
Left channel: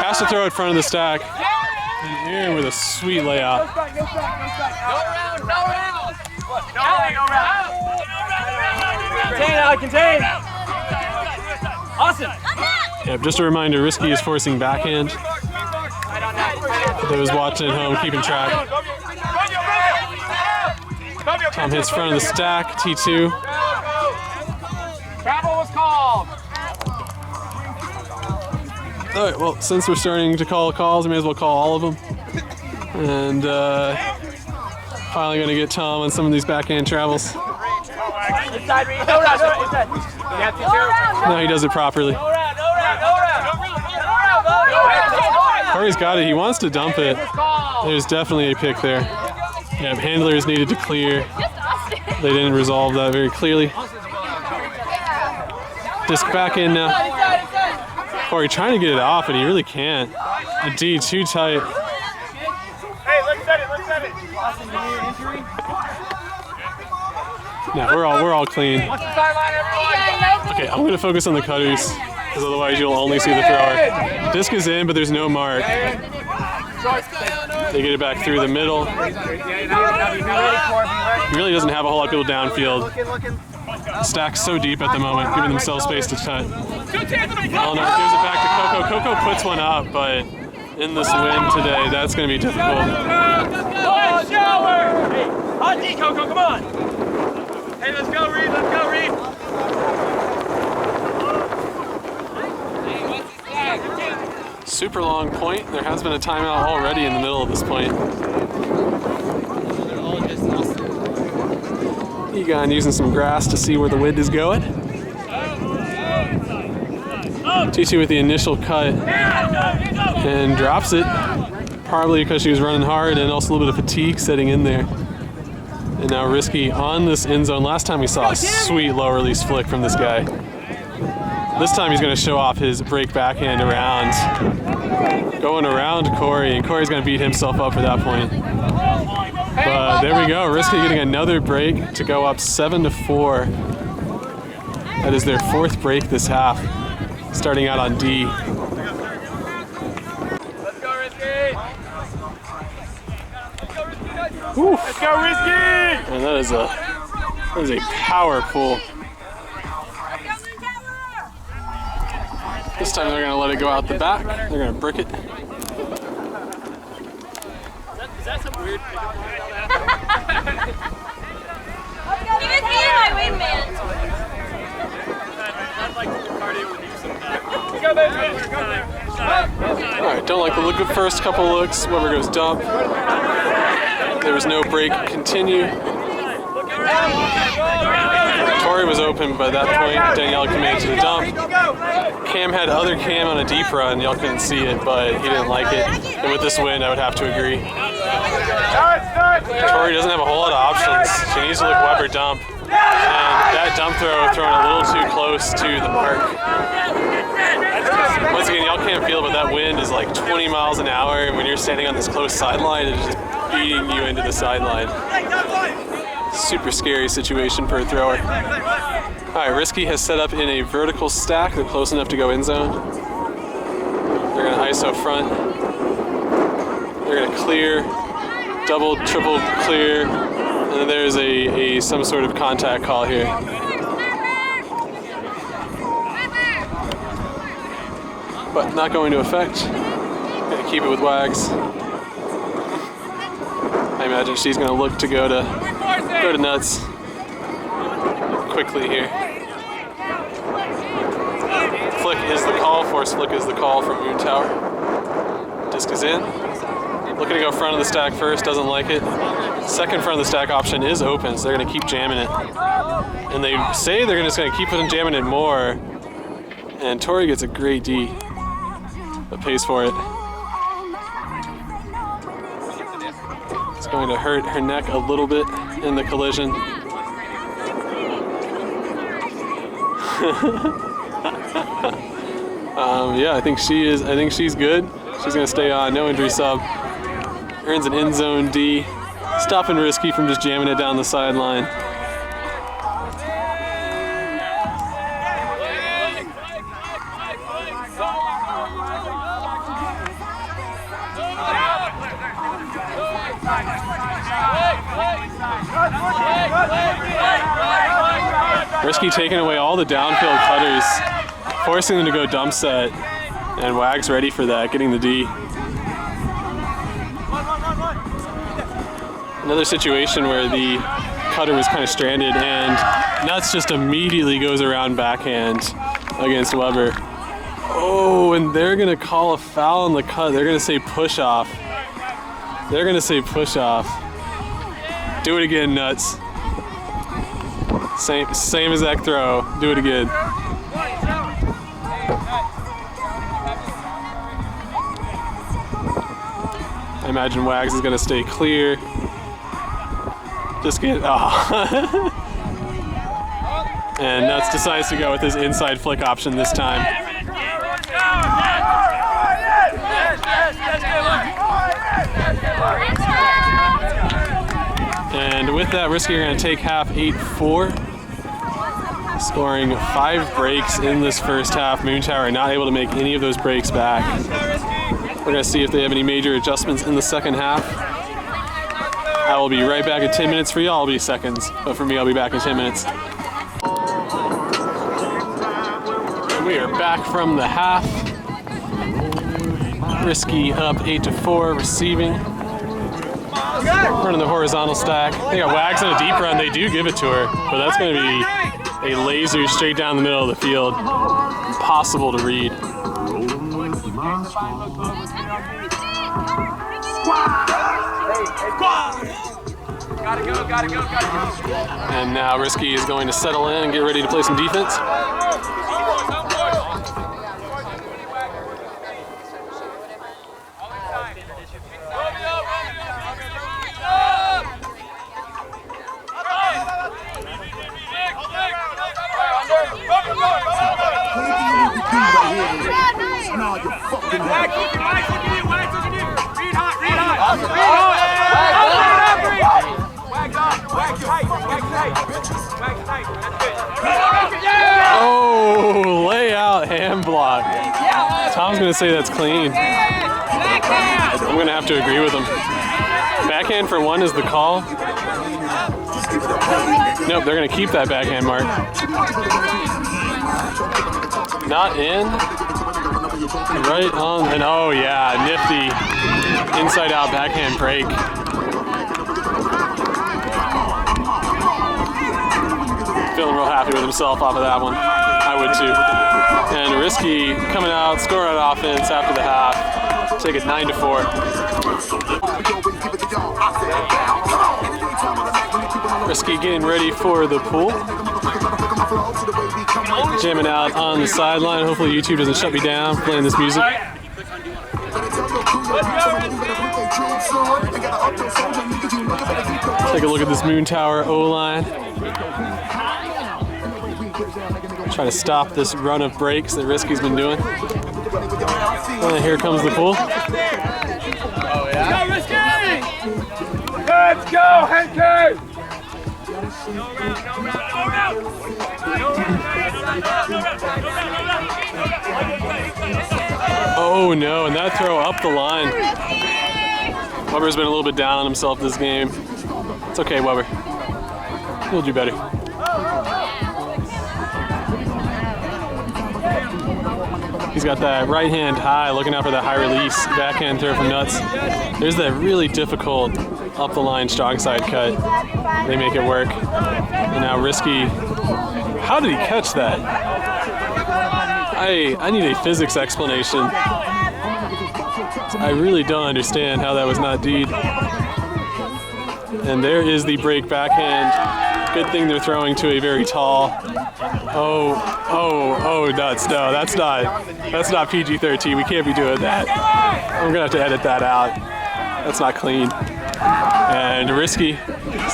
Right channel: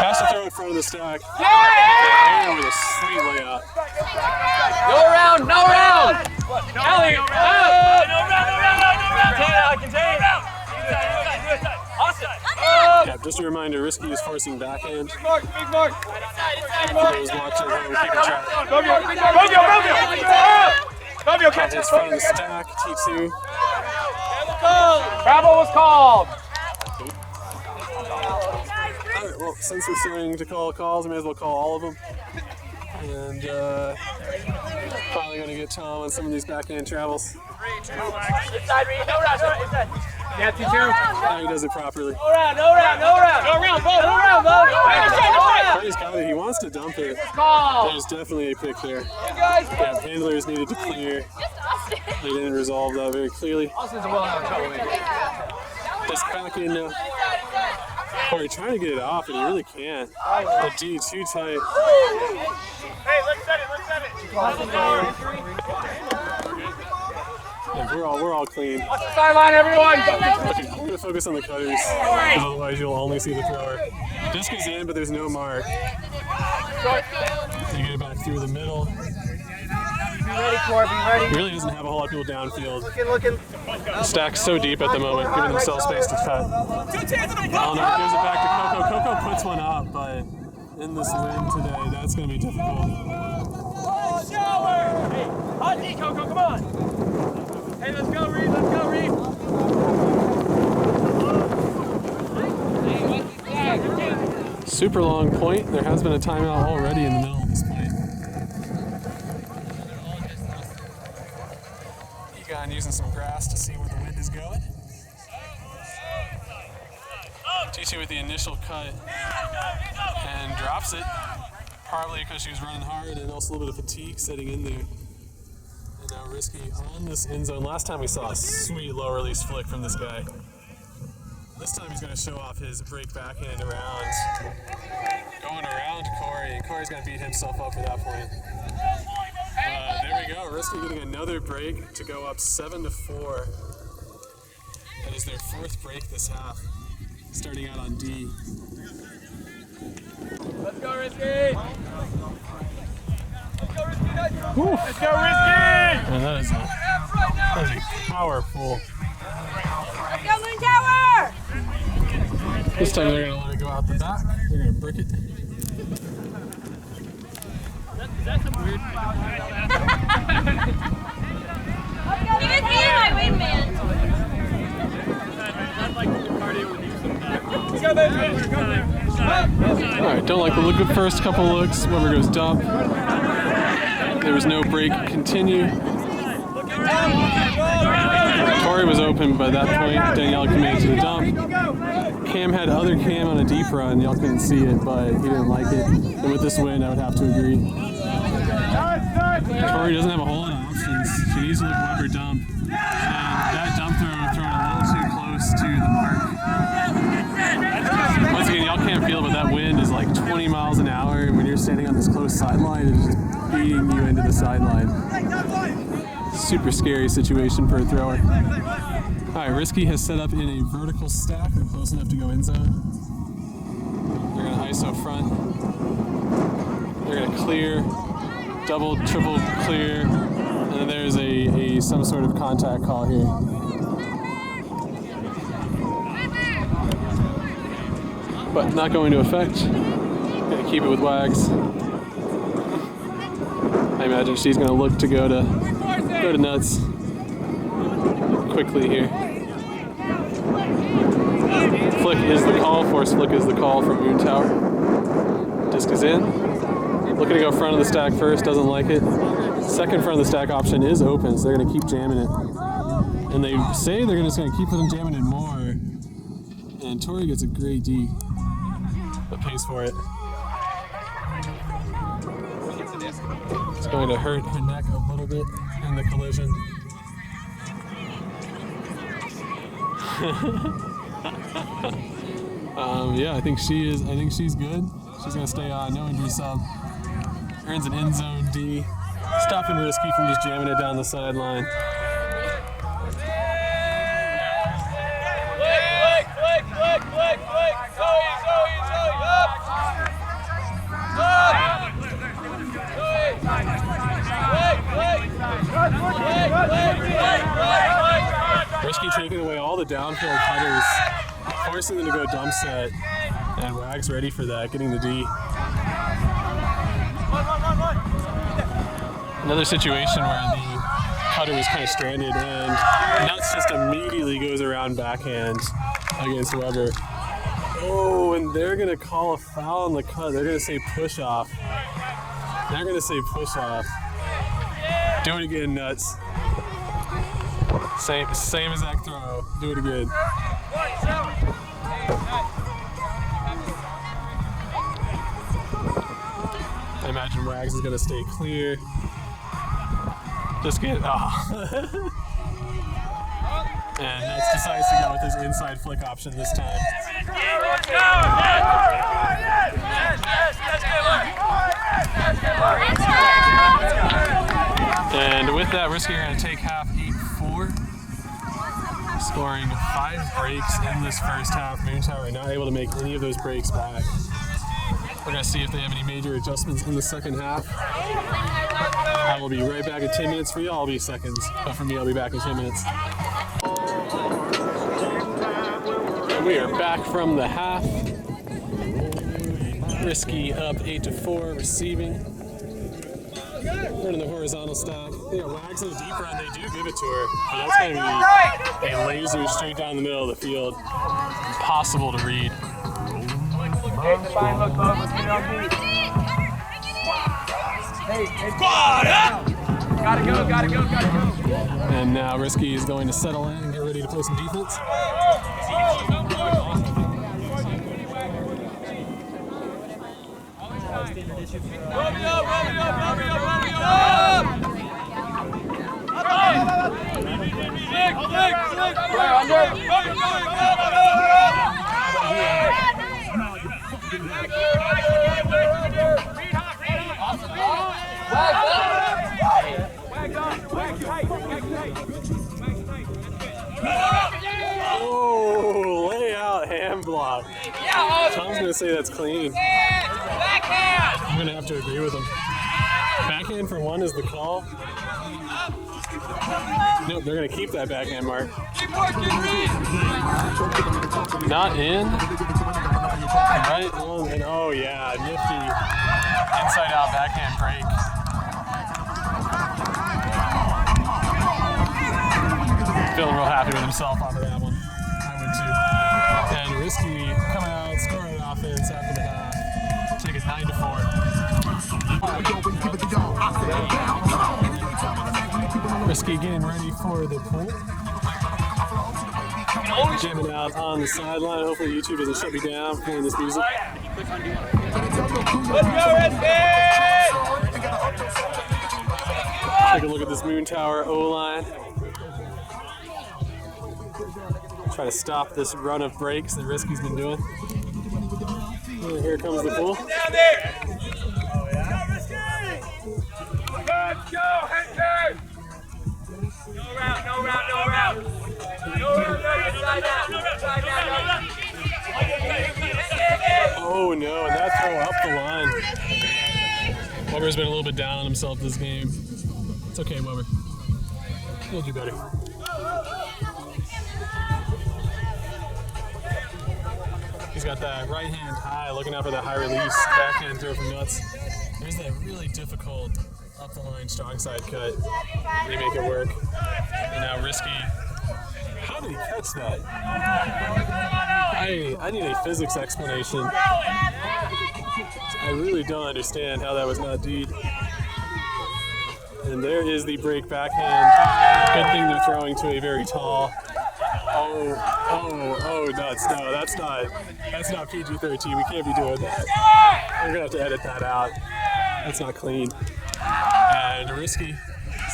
Has to throw it in front of the stack. And Aaron with a sweet layout. No round, no round! Allie, no round! Contain! Awesome! Yep, just a reminder, Risky is forcing backhand. For those watching at home, keeping track. Tom hits front of the stack, T2. Travel was called! All right, well, since we're starting to call calls, we may as well call all of them. And finally going to get Tom on some of these backhand travels. Inside, Reed. No round, inside. Yeah, T2. No, he does it properly. No round, Corey's got it. He wants to dump it. There's definitely a pick there. Yeah, handlers needed to clear. They didn't resolve that very clearly. Disc back in now. Corey trying to get it off, and he really can't. A D too tight. Hey, let's set it. No, we're all clean. Watch the sideline, everyone! Okay, I'm gonna focus on the cutters, because otherwise you'll only see the thrower. Disc is in, but there's no mark. They get it back through the middle. Be ready, Corey, be ready. He really doesn't have a whole lot of people downfield. Looking. Stack's so deep at the moment, giving themselves space to cut. Eleanor gives it back to Coco. Coco puts one up, but in this wind today, that's going to be difficult. Shower! Hey, hot D, Coco, come on! Hey, let's go, Reed, Super long point. There has been a timeout already in the middle of this point. Egon using some grass to see where the wind is going. TT with the initial cut and drops it, probably because she was running hard and also a little bit of fatigue setting in there. And now Risky on this end zone. Last time we saw a sweet low release flick from this guy. This time he's going to show off his break backhand around, going around Corey, and Corey's going to beat himself up for that point. But there we go, Risky getting another break to go up 7-4. That is their fourth break this half, starting out on D. Let's go, Risky! Whew. Let's go, Risky! And that is a power pull. This time they're going to let it go out the back. They're going to brick it. Is that some weird thing? He was being my wingman. I'd like to do cardio with you sometime. Let's go, baby! All right, don't like the look of the first couple looks. Weber goes dump. There was no break. Continue. Tori was open by that point. Danielle committed to the dump. Cam had other Cam on a deep run. Y'all couldn't see it, but he didn't like it. And with this wind, I would have to agree. Tori doesn't have a whole lot of options. She needs to look Weber dump. And that dump throw thrown a little too close to the mark. Once again, y'all can't feel it, but that wind is like 20 miles an hour. And when you're standing on this close sideline, it's just beating you into the sideline. Super scary situation for a thrower. All right, Risky has set up in a vertical stack. They're close enough to go in zone. They're gonna ISO front. They're gonna clear, double, triple clear, and then there's some sort of contact call here. But not going to affect. Gonna keep it with Wags. I imagine she's gonna look to go to nuts quickly here. Flick is the call, force flick is the call from Moontwer. Disc is in. Looking to go front of the stack first, doesn't like it. Second front of the stack option is open, so they're gonna keep jamming it. And they say they're just gonna keep jamming it more. And Tori gets a great D, but pays for it. It's going to hurt her neck a little bit in the collision. Yeah, I think she's good. She's gonna stay on, no injury sub. Earns an end zone D, stopping Risky from just jamming it down the sideline. Risky taking away all the downfield cutters, forcing them to go dump set, and Wags ready for that, getting the D. Another situation where the cutter was kind of stranded and Nuts just immediately goes around backhand against Weber. Oh, and they're gonna call a foul on the cut. They're gonna say push off. They're gonna say push off. Do it again, Nuts. Same exact throw. Do it again. I imagine Wags is gonna stay clear. Just get, And Nuts decides to go with his inside flick option this time. And with that, Risky are going to take half 8-4, scoring 5 breaks in this first half. Moontwer not able to make any of those breaks back. We're going to see if they have any major adjustments in the second half. I will be right back in 10 minutes. For y'all, I'll be seconds, but for me, I'll be back in 10 minutes. We are back from the half. Risky up 8-4, receiving. Running the horizontal stack. They got Wags on a deep run. They do give it to her, but that's going to be a laser straight down the middle of the field. Impossible to read. Gotta go. And now Risky is going to settle in and get ready to play some defense. Oh, layout hand block. Tom's going to say that's clean. I'm going to have to agree with him. Backhand for one is the call. Nope, they're going to keep that backhand mark. Not in. Right on. And oh yeah, nifty inside out backhand break. Feeling real happy with himself off of that one. I would too. And Risky coming out, score on offense after the half. Take it 9-4. Risky getting ready for the pool. Jamming out on the sideline. Hopefully YouTube doesn't shut me down playing this music. Take a look at this Moontwer O-line. Try to stop this run of breaks that Risky's been doing. And here comes the pull. Let's go, Henke! No route. Oh no, and that throw up the line. Weber's been a little bit down on himself this game. It's okay, Weber. He'll do better. He's got that right hand high, looking out for that high release backhand throw from Nuts. There's that really difficult up the line strong side cut. They make it work. And now Risky. How did he catch that? I need a physics explanation. I really don't understand how that was not D'd. And there is the break backhand. Good thing they're throwing to a very tall. Oh, Nuts. No, that's not PG-13. We can't be doing that. I'm gonna have to edit that out. That's not clean. And Risky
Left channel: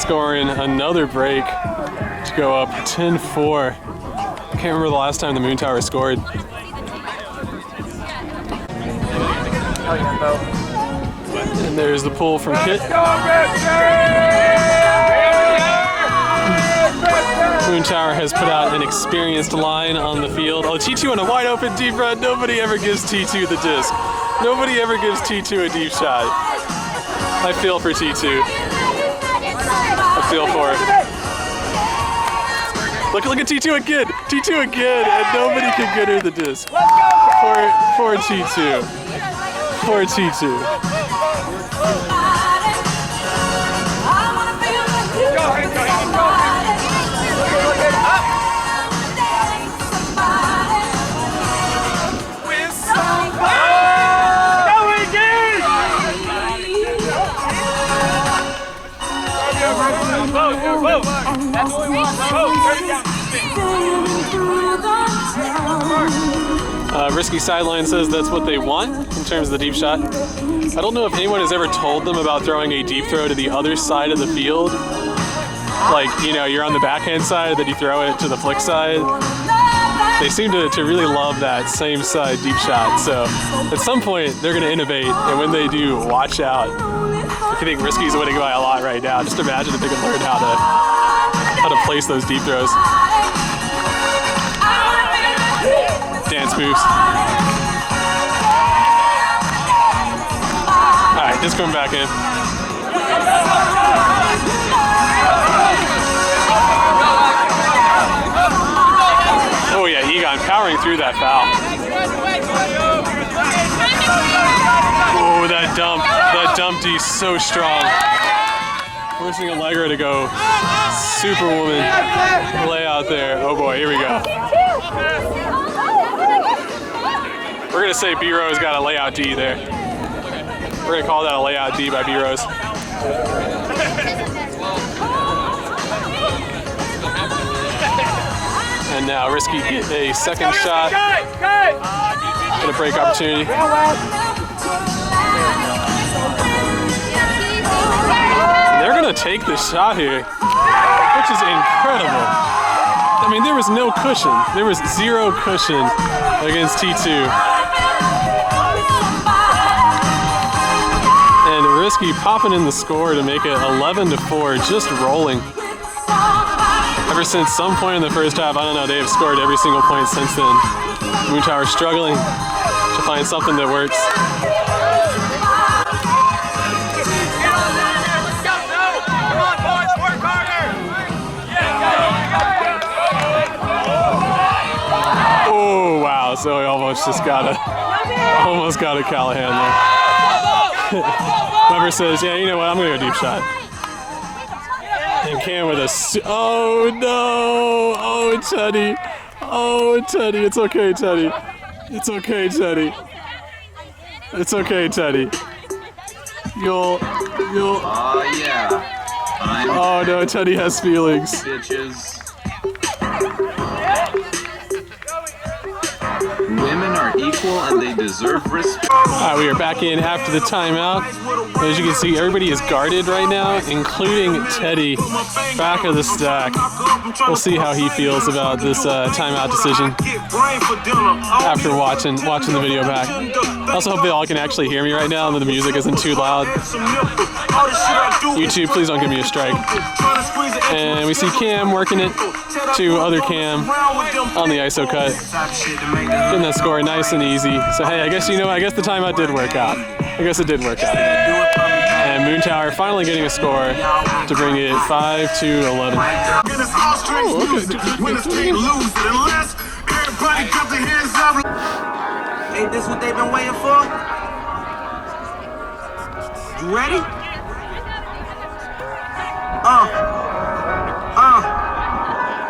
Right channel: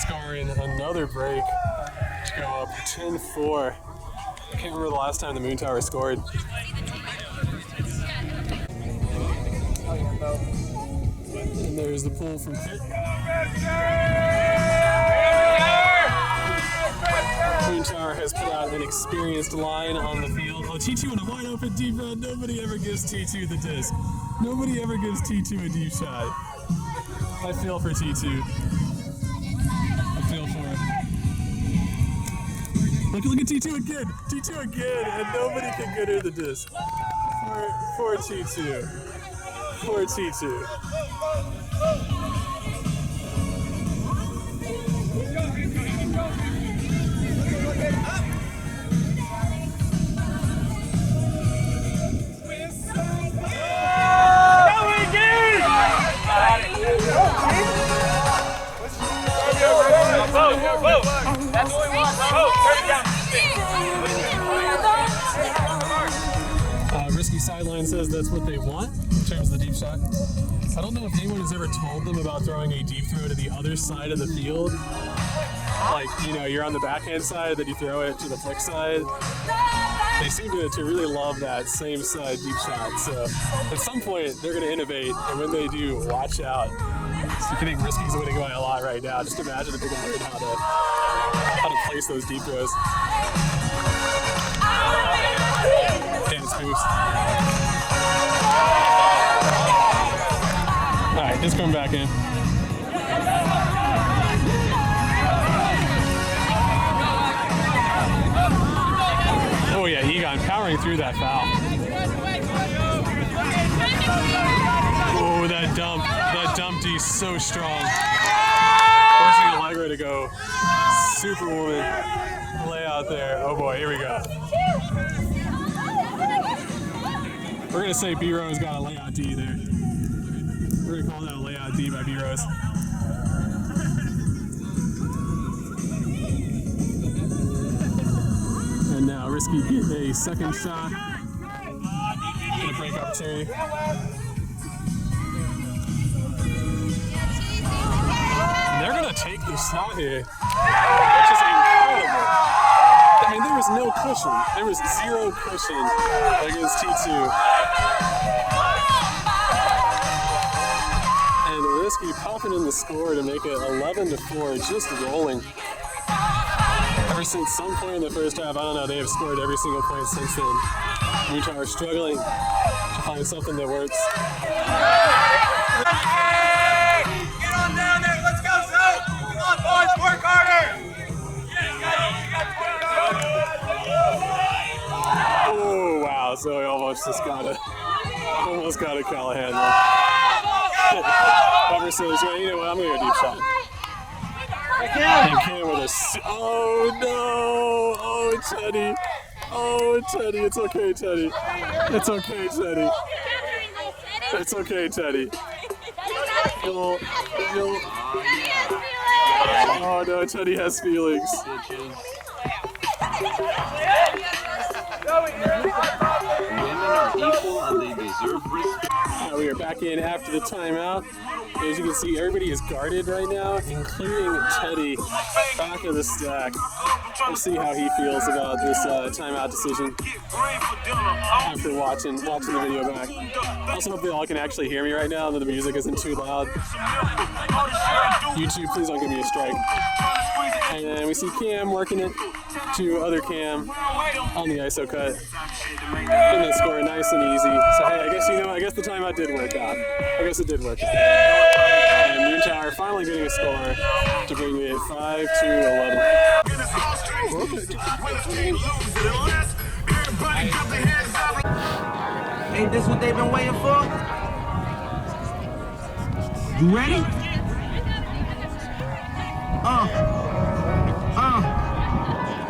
scoring another break to go up 10-4. I can't remember the last time the Moontwer scored. And there's the pull from Kit. Moontwer has put out an experienced line on the field. Oh, T2 on a wide open deep run. Nobody ever gives T2 the disc. Nobody ever gives T2 a deep shot. I feel for T2. I feel for it. Look at T2 again. T2 again, and nobody can get her the disc. For T2. For T2. Risky sideline says that's what they want in terms of the deep shot. I don't know if anyone has ever told them about throwing a deep throw to the other side of the field. Like, you know, you're on the backhand side, then you throw it to the flick side. they seem to really love that same side deep shot. So at some point they're going to innovate, and when they do, watch out. If you think Risky's winning by a lot right now, just imagine if they could learn how to place those deep throws. Dance moves. All right, just coming back in. Oh yeah, Egon powering through that foul. Oh, that dump D so strong. Forcing Allegra to go Superwoman lay out there. Oh boy, here we go. We're gonna say B-Rose got a layout D there. We're gonna call that a layout D by B-Rose. And now Risky get a second shot. Get a break opportunity. And they're gonna take the shot here, which is incredible. I mean, there was no cushion. There was zero cushion against T2. And Risky popping in the score to make it 11-4, just rolling. Ever since some point in the first half, I don't know, they have scored every single point since then. Moontwer struggling to find something that works. Get on down there, let's go, Zoe! Come on, boys, work harder! Oh, wow, so he almost got a Callahan there. Weber says, yeah, you know what, I'm going to go deep shot. And Cam with a, oh no, oh Teddy, oh Teddy, it's okay Teddy, it's okay Teddy, it's okay Teddy. You'll, oh yeah. Oh no, Teddy has feelings. Bitches. Women are equal and they deserve respect. Alright, we are back in after the timeout. As you can see, everybody is guarded right now, including Teddy, back of the stack. We'll see how he feels about this timeout decision after watching the video back. I also hope they all can actually hear me right now and that the music isn't too loud. YouTube, please don't give me a strike. And we see Cam working it to other Cam on the ISO cut. Getting that score nice and easy. So hey, I guess the timeout did work out. I guess it did work out. And Moontwer finally getting a score to bring it 5-11. Ain't this what they've been waiting for? You ready?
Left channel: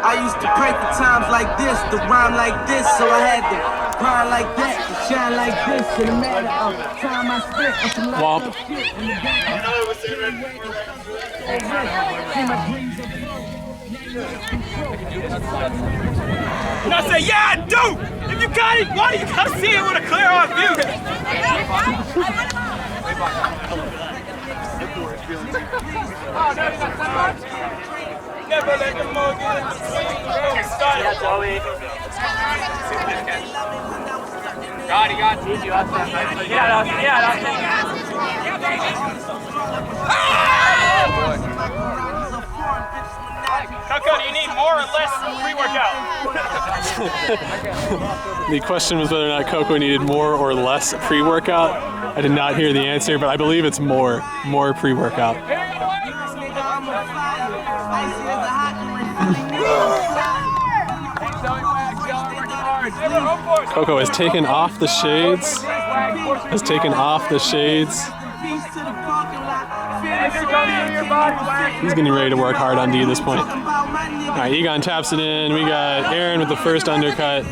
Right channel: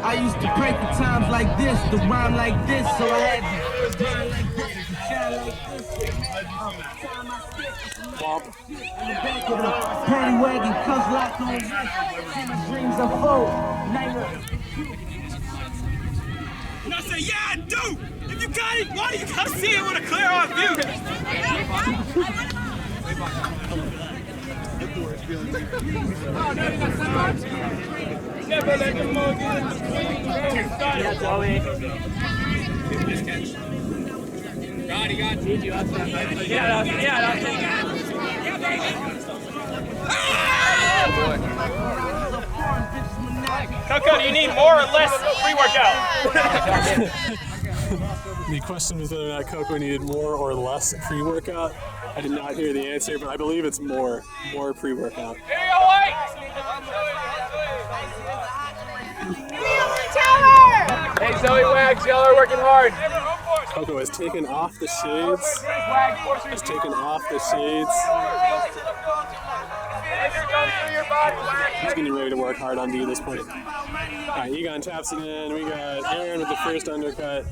I used to pray for times like this, to rhyme like this, so I had to grind like that, to shine like this. To the matter of time I spent on some locked up shit in the back of the paddy wagon, cuz locked on rest. See my dreams unfold. And I say, yeah, I do! If you got it, why do you come see it with a clear on view? Oh, no, you got somebody? Never let them all get in between. Yeah, Joey. He got you up there. Coco, do you need more or less pre-workout? The question was whether or not Coco needed more or less pre-workout. I did not hear the answer, but I believe it's more pre-workout. Here you go, White! Hey, Zoe Wags, y'all are working hard. Coco has taken off the shades. He's getting ready to work hard on D at this point. All right, Egon taps it in. We got Aaron with the first undercut.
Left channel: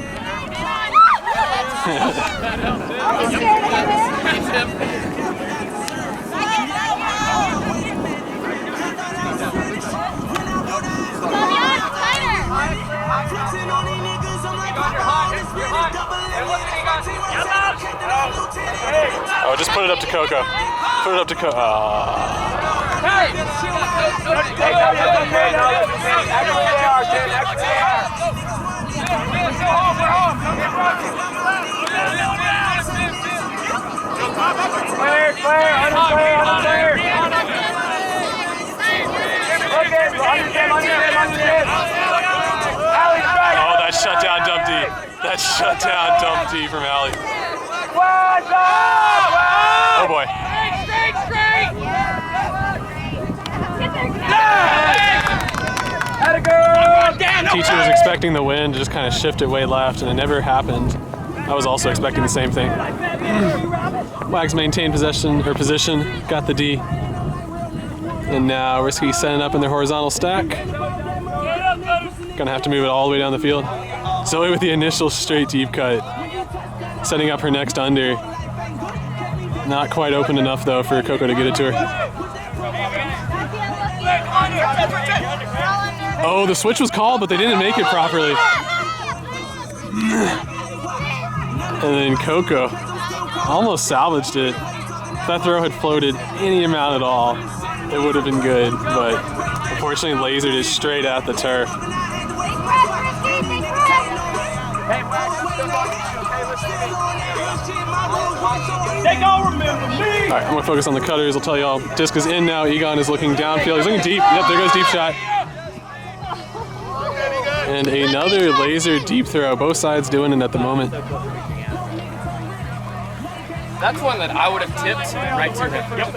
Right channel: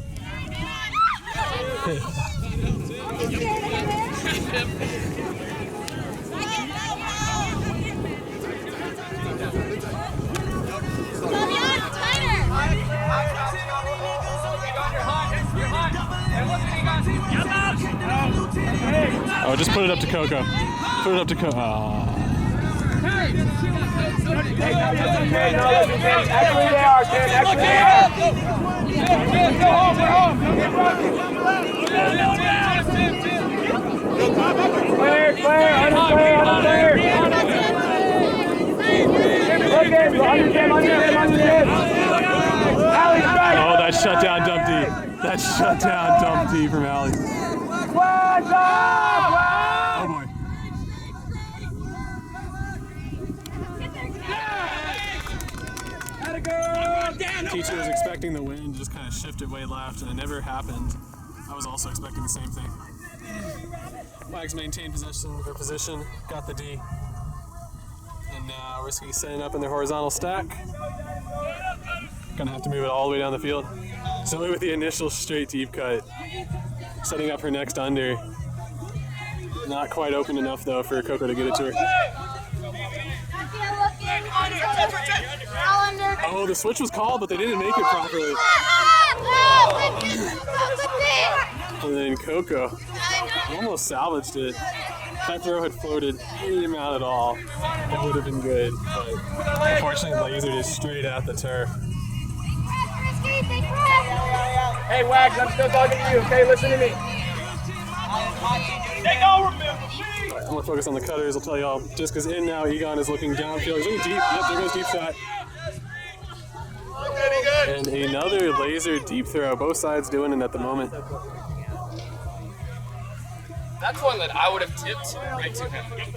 Oh, just put it up to Coco. Put it up to Coco. Actually they are, Ken. Actually they are. Let's go home. We're home. Don't get rocking. Clear. Unclear. Look in. Under him. Allie's right. Oh, that shutdown dump D. That shutdown dump D from Allie. Oh boy. Teacher was expecting the wind to just kind of shift it way left, and it never happened. I was also expecting the same thing. Wags maintained position, got the D. And now Risky setting up in their horizontal stack. Gonna have to move it all the way down the field. Zoe with the initial straight deep cut. Setting up her next under. Not quite open enough though for Coco to get it to her. Oh, the switch was called, but they didn't make it properly. And then Coco almost salvaged it. If that throw had floated any amount at all, it would have been good. But unfortunately, lasered it straight at the turf. Hey, Wags, I'm still talking to you, okay? Listen to me. They don't remember me! All right, I'm going to focus on the cutters. I'll tell y'all, disc is in now. Egon is looking downfield. He's looking deep. Yep, there goes deep shot. And another laser deep throw. Both sides doing it at the moment. That's one that I would have tipped right to him. Yep.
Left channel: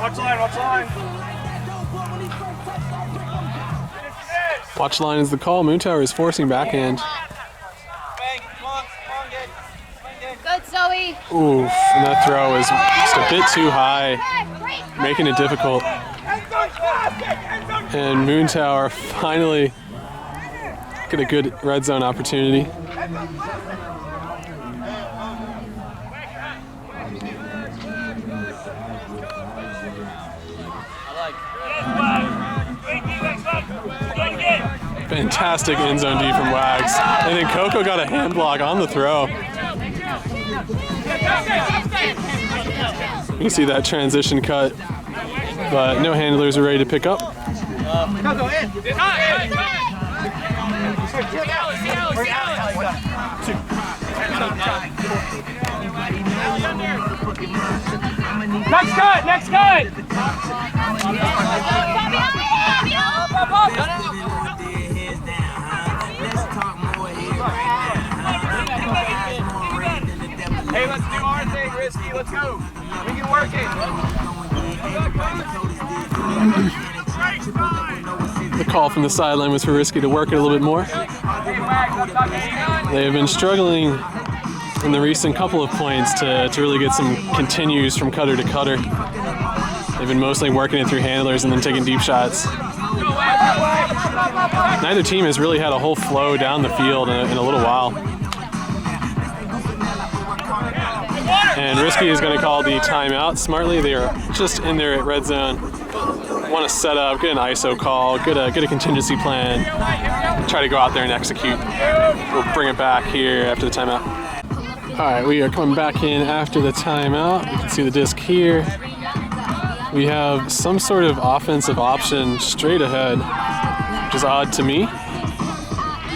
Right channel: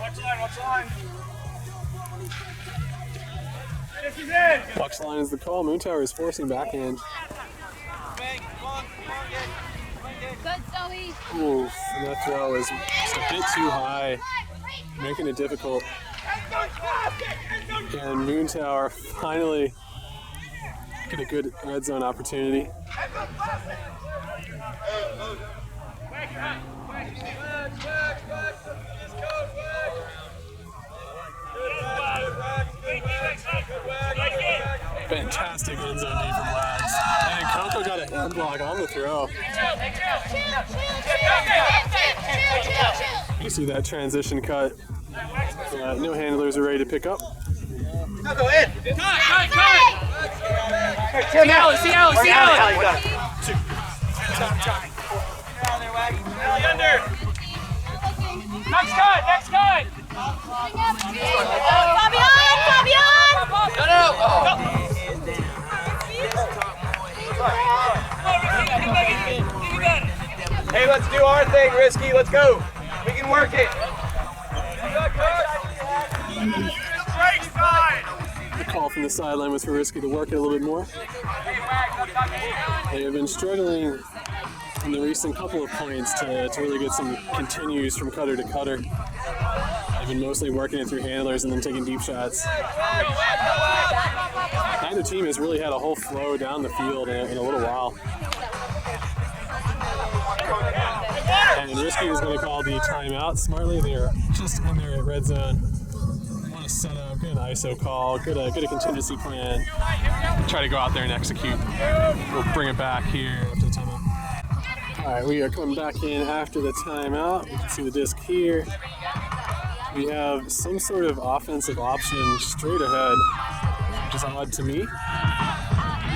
Watch line. Watch line is the call. Moontwer is forcing backhand. Good, Zoe. Ooh, and that throw is just a bit too high, making it difficult. And Moontwer finally get a good red zone opportunity. Fantastic end zone D from Wags. And then Coco got a hand block on the throw. You see that transition cut, but no handlers are ready to pick up. Go in. Cut. See Alex. Next cut. Hey, let's do our thing, Risky. Let's go. We can work it. The call from the sideline was for Risky to work it a little bit more. They've been struggling in the recent couple of points to really get some continues from cutter to cutter. They've been mostly working it through handlers and then taking deep shots. Neither team has really had a whole flow down the field in a little while. And Risky is going to call the timeout smartly. They are just in there at red zone. Want to set up, get an ISO call, get a contingency plan, try to go out there and execute. We'll bring it back here after the timeout. All right, we are coming back in after the timeout. You can see the disc here. We have some sort of offensive option straight ahead, which is odd to me.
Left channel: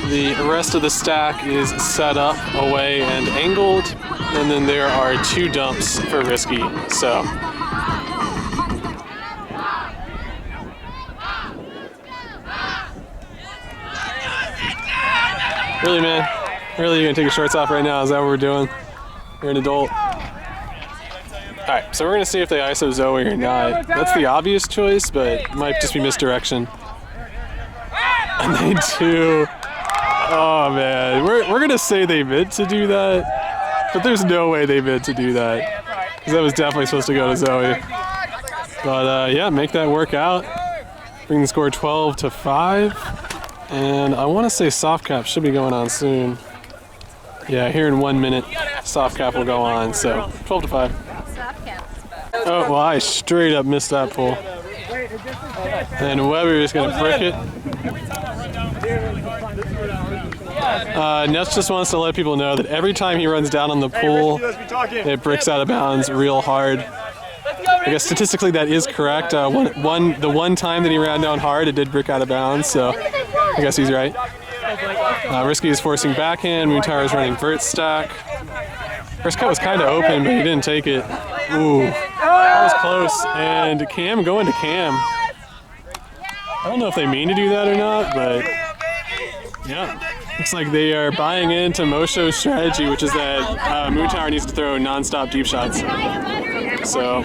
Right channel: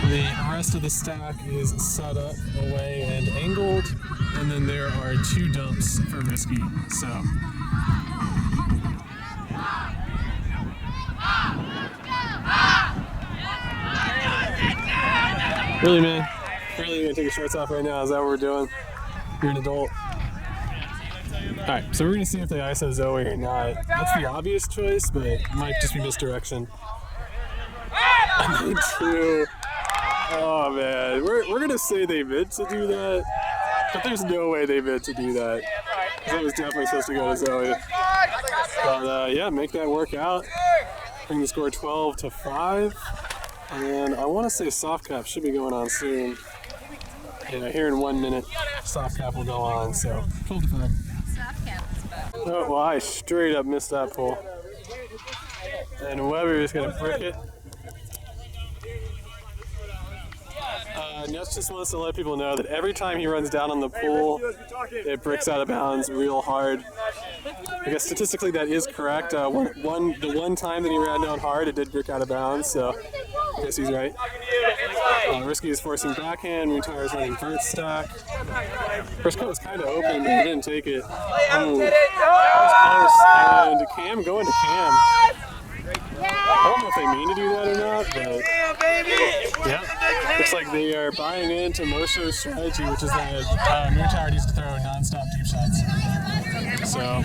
The rest of the stack is set up, away, and angled, and then there are two dumps for Risky. So really, man, really, you're gonna take your shorts off right now? Is that what we're doing? You're an adult. All right, so we're gonna see if they ISO Zoe or not. That's the obvious choice, but it might just be misdirection. And they do. Oh man, we're gonna say they meant to do that, but there's no way they meant to do that, because that was definitely supposed to go to Zoe. But yeah, make that work out. Bring the score 12-5, and I want to say soft cap should be going on soon. Yeah, here in 1 minute, soft cap will go on. So 12-5. Oh well, I straight up missed that pull. And Weber is gonna brick it. Nets just wants to let people know that every time he runs down on the pool, it bricks out of bounds real hard. I guess statistically that is correct. The one time that he ran down hard, it did brick out of bounds, so I guess he's right. Risky is forcing backhand. Moontwer is running vert stack. First cut was kind of open, but he didn't take it. Ooh, that was close. And Cam going to Cam. I don't know if they mean to do that or not, but yeah. Looks like they are buying into Mosho's strategy, which is that Moontwer needs to throw non-stop deep shots. So,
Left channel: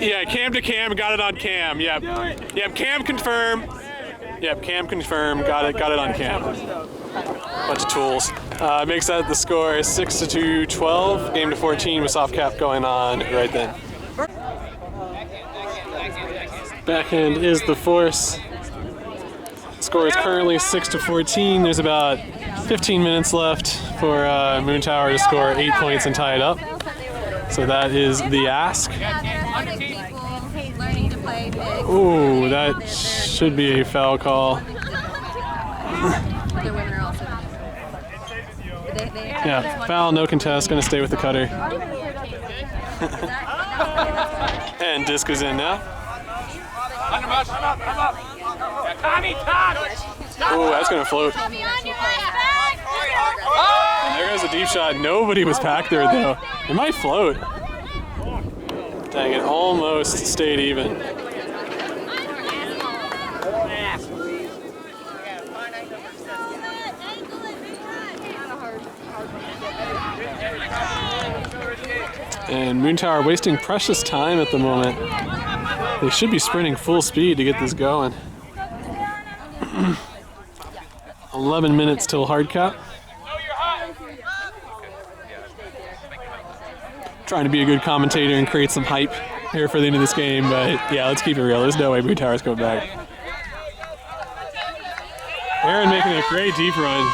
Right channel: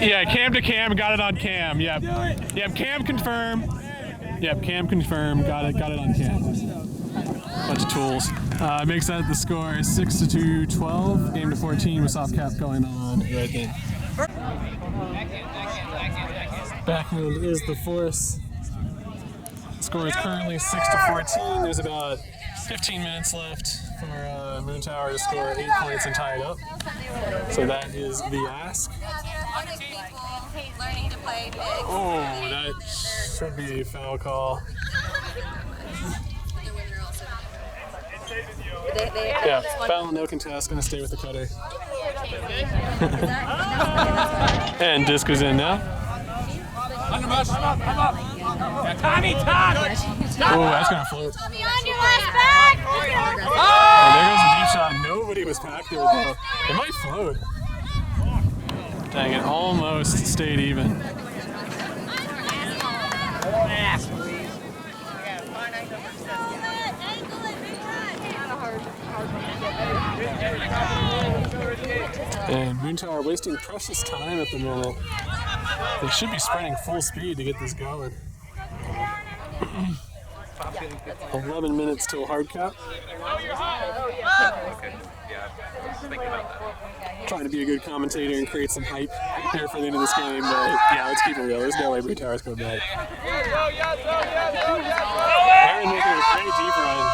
yeah, Cam to Cam, got it on Cam. Yep, Cam confirm. Yep, Cam confirm, got it on Cam. Bunch of tools. Makes that the score 6-2, 12. Game to 14 with soft cap going on right then. Backhand is the force. Score is currently 6-14. There's about 15 minutes left for Moontwer to score 8 points and tie it up. So that is the ask. Ooh, that should be a foul call. Yeah, foul, no contest, gonna stay with the cutter. And disc is in now. Ooh, that's gonna float. And there goes the deep shot. Nobody was packed there though. It might float. Dang, it almost stayed even. And Moontwer wasting precious time at the moment. They should be sprinting full speed to get this going. 11 minutes till hard cap. Trying to be a good commentator and create some hype here for the end of this game, but yeah, let's keep it real. There's no way Moontwer's going back. Aaron making a great deep run.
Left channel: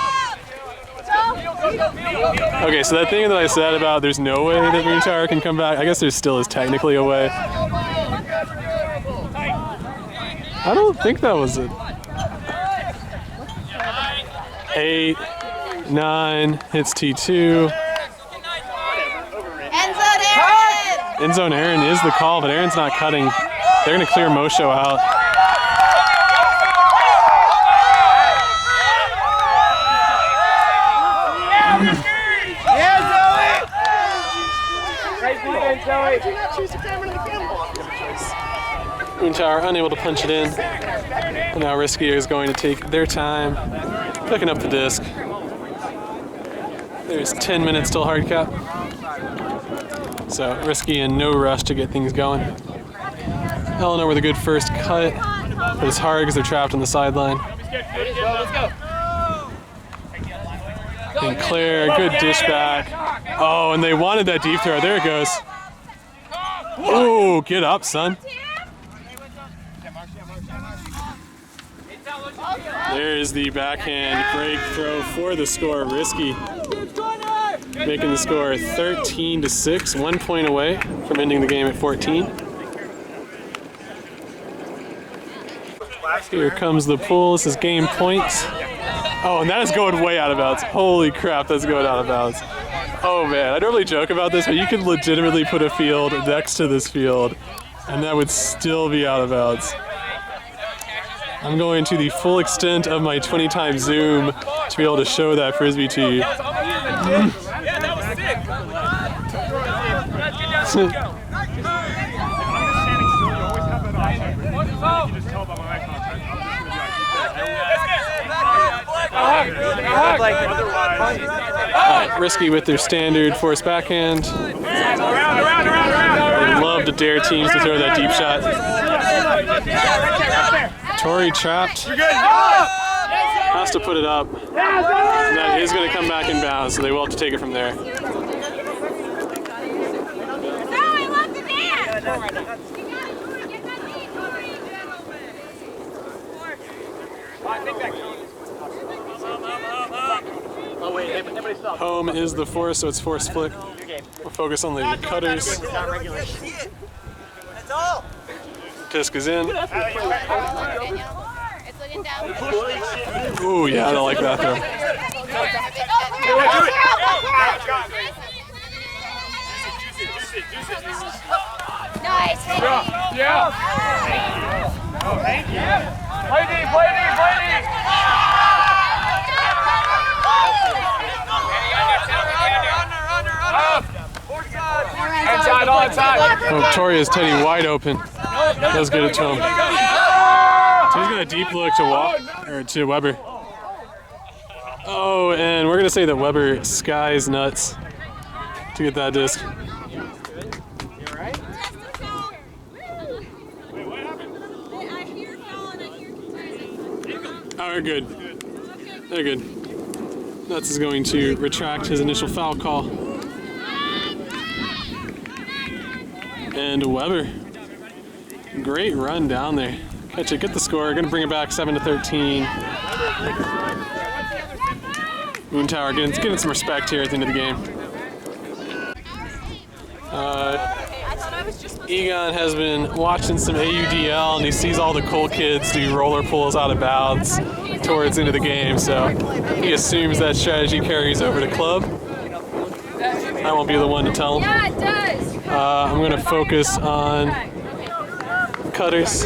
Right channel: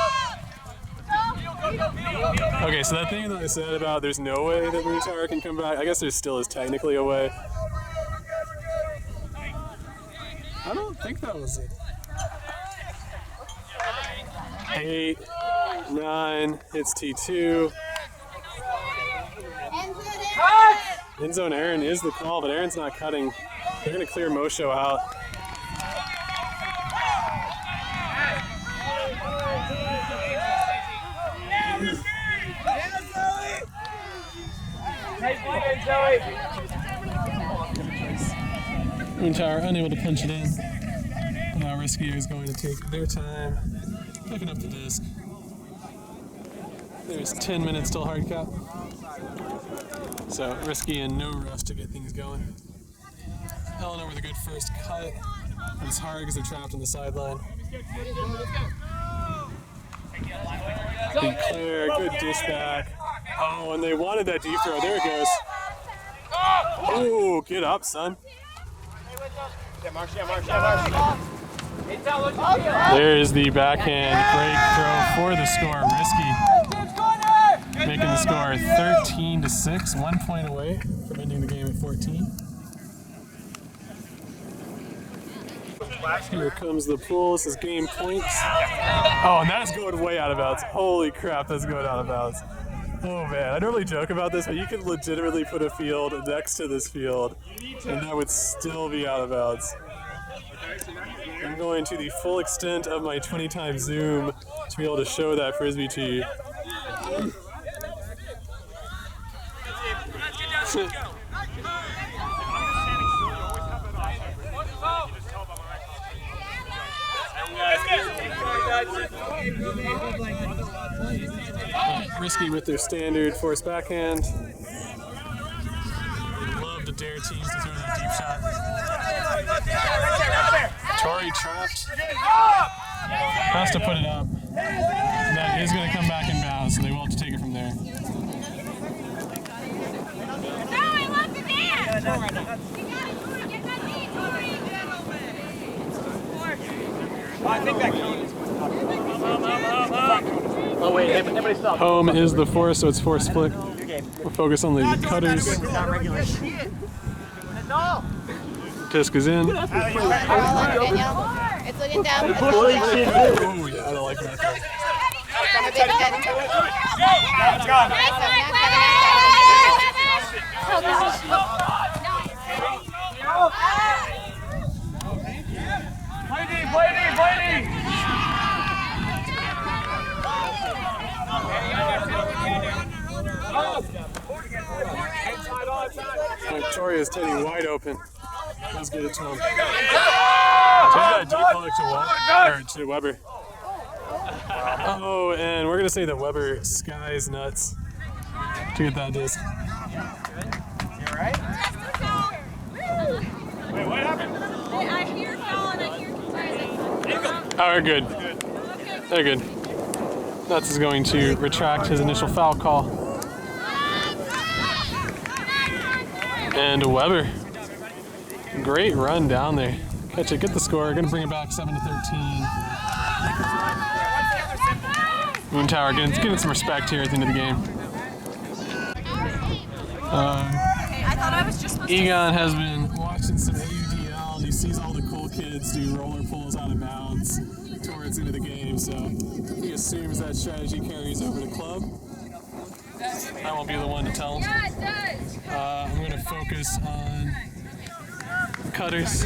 Okay, so that thing that I said about there's no way that Moontwer can come back, I guess there still is technically a way. I don't think that was it. 8, 9, hits T2. End zone Aaron is the call, but Aaron's not cutting. They're going to clear Mosho out. Moontwer unable to punch it in. And now Risky is going to take their time, picking up the disc. There's 10 minutes till hard cap. So Risky in no rush to get things going. Eleanor with a good first cut, but it's hard because they're trapped on the sideline. And Claire, good dish back. Oh, and they wanted that deep throw. There it goes. Oh, get up, son. There's the backhand break throw for the score. Risky making the score 13-6, 1 point away from ending the game at 14. Here comes the pull. This is game points. Oh, and that is going way out of bounds. Holy crap, that's going out of bounds. Oh man, I normally joke about this, but you could legitimately put a field next to this field, and that would still be out of bounds. I'm going to the full extent of my 20 times zoom to be able to show that frisbee to you. Risky with their standard force backhand. They love to dare teams to throw that deep shot. Tori trapped. Has to put it up. And that is going to come back in bounds, so they will have to take it from there. Oh wait, everybody stop. Home is the force, so it's force flick. We'll focus on the cutters. Disc is in. It's looking Ooh, yeah, I don't like that though. Play D, play D, play D. Inside, all inside. Oh, Victoria's Teddy wide open. Does get it to him. So he's got a deep look to Weber. Oh, and we're gonna say that Weber skies nuts to get that disc. I hear foul and I hear confusing. Oh, we're good. They're good. Nuts is going to retract his initial foul call. And Weber, great run down there. Catch it, get the score. Going to bring it back 7-13. Moontwer getting some respect here at the end of the game. Egon has been watching some AUDL and he sees all the cool kids do roller pulls out of bounds towards the end of the game, so he assumes that strategy carries over to club. I won't be the one to tell him. Yeah, it does. I'm going to focus on cutters.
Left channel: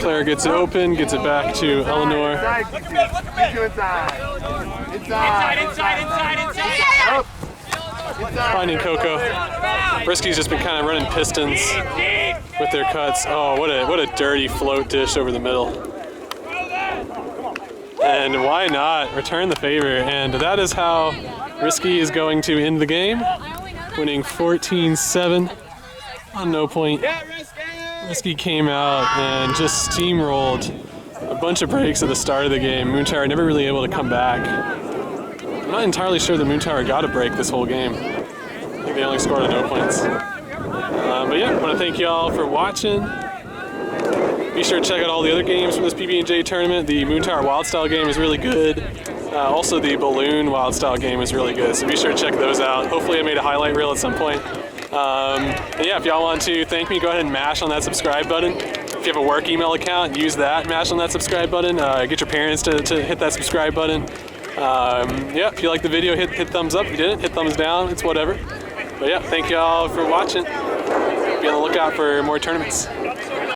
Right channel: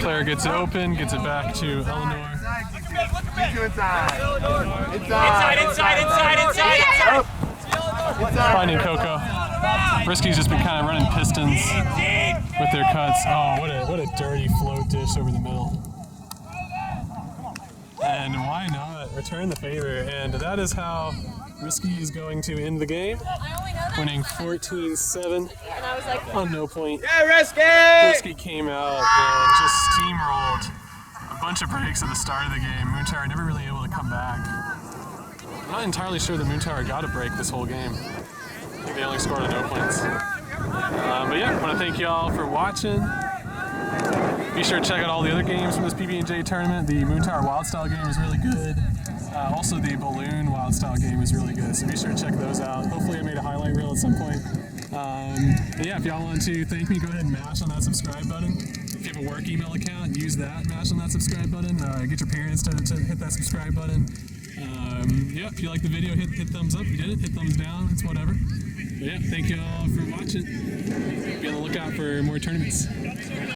Claire gets it open, gets it back to Eleanor. Inside. Finding Coco. Risky's just been kind of running pistons with their cuts. Oh, what a dirty float dish over the middle. And why not return the favor? And that is how Risky is going to end the game, winning 14-7 on no point. Yeah, Risky! Risky came out and just steamrolled a bunch of breaks at the start of the game. Moontwer never really able to come back. I'm not entirely sure that Moontwer got a break this whole game. I think they only scored on no points. But yeah, I want to thank y'all for watching. Be sure to check out all the other games from this PB&J tournament. The Moontwer Wild Style game is really good. Also, the Balloon Wild Style game is really good, so be sure to check those out. Hopefully I made a highlight reel at some point. And yeah, if y'all want to thank me, go ahead and mash on that subscribe button. If you have a work email account, use that, mash on that subscribe button. Get your parents to hit that subscribe button. Yeah, if you like the video, hit thumbs up. If you didn't, hit thumbs down. It's whatever. But yeah, thank y'all for watching. Be on the lookout for more tournaments.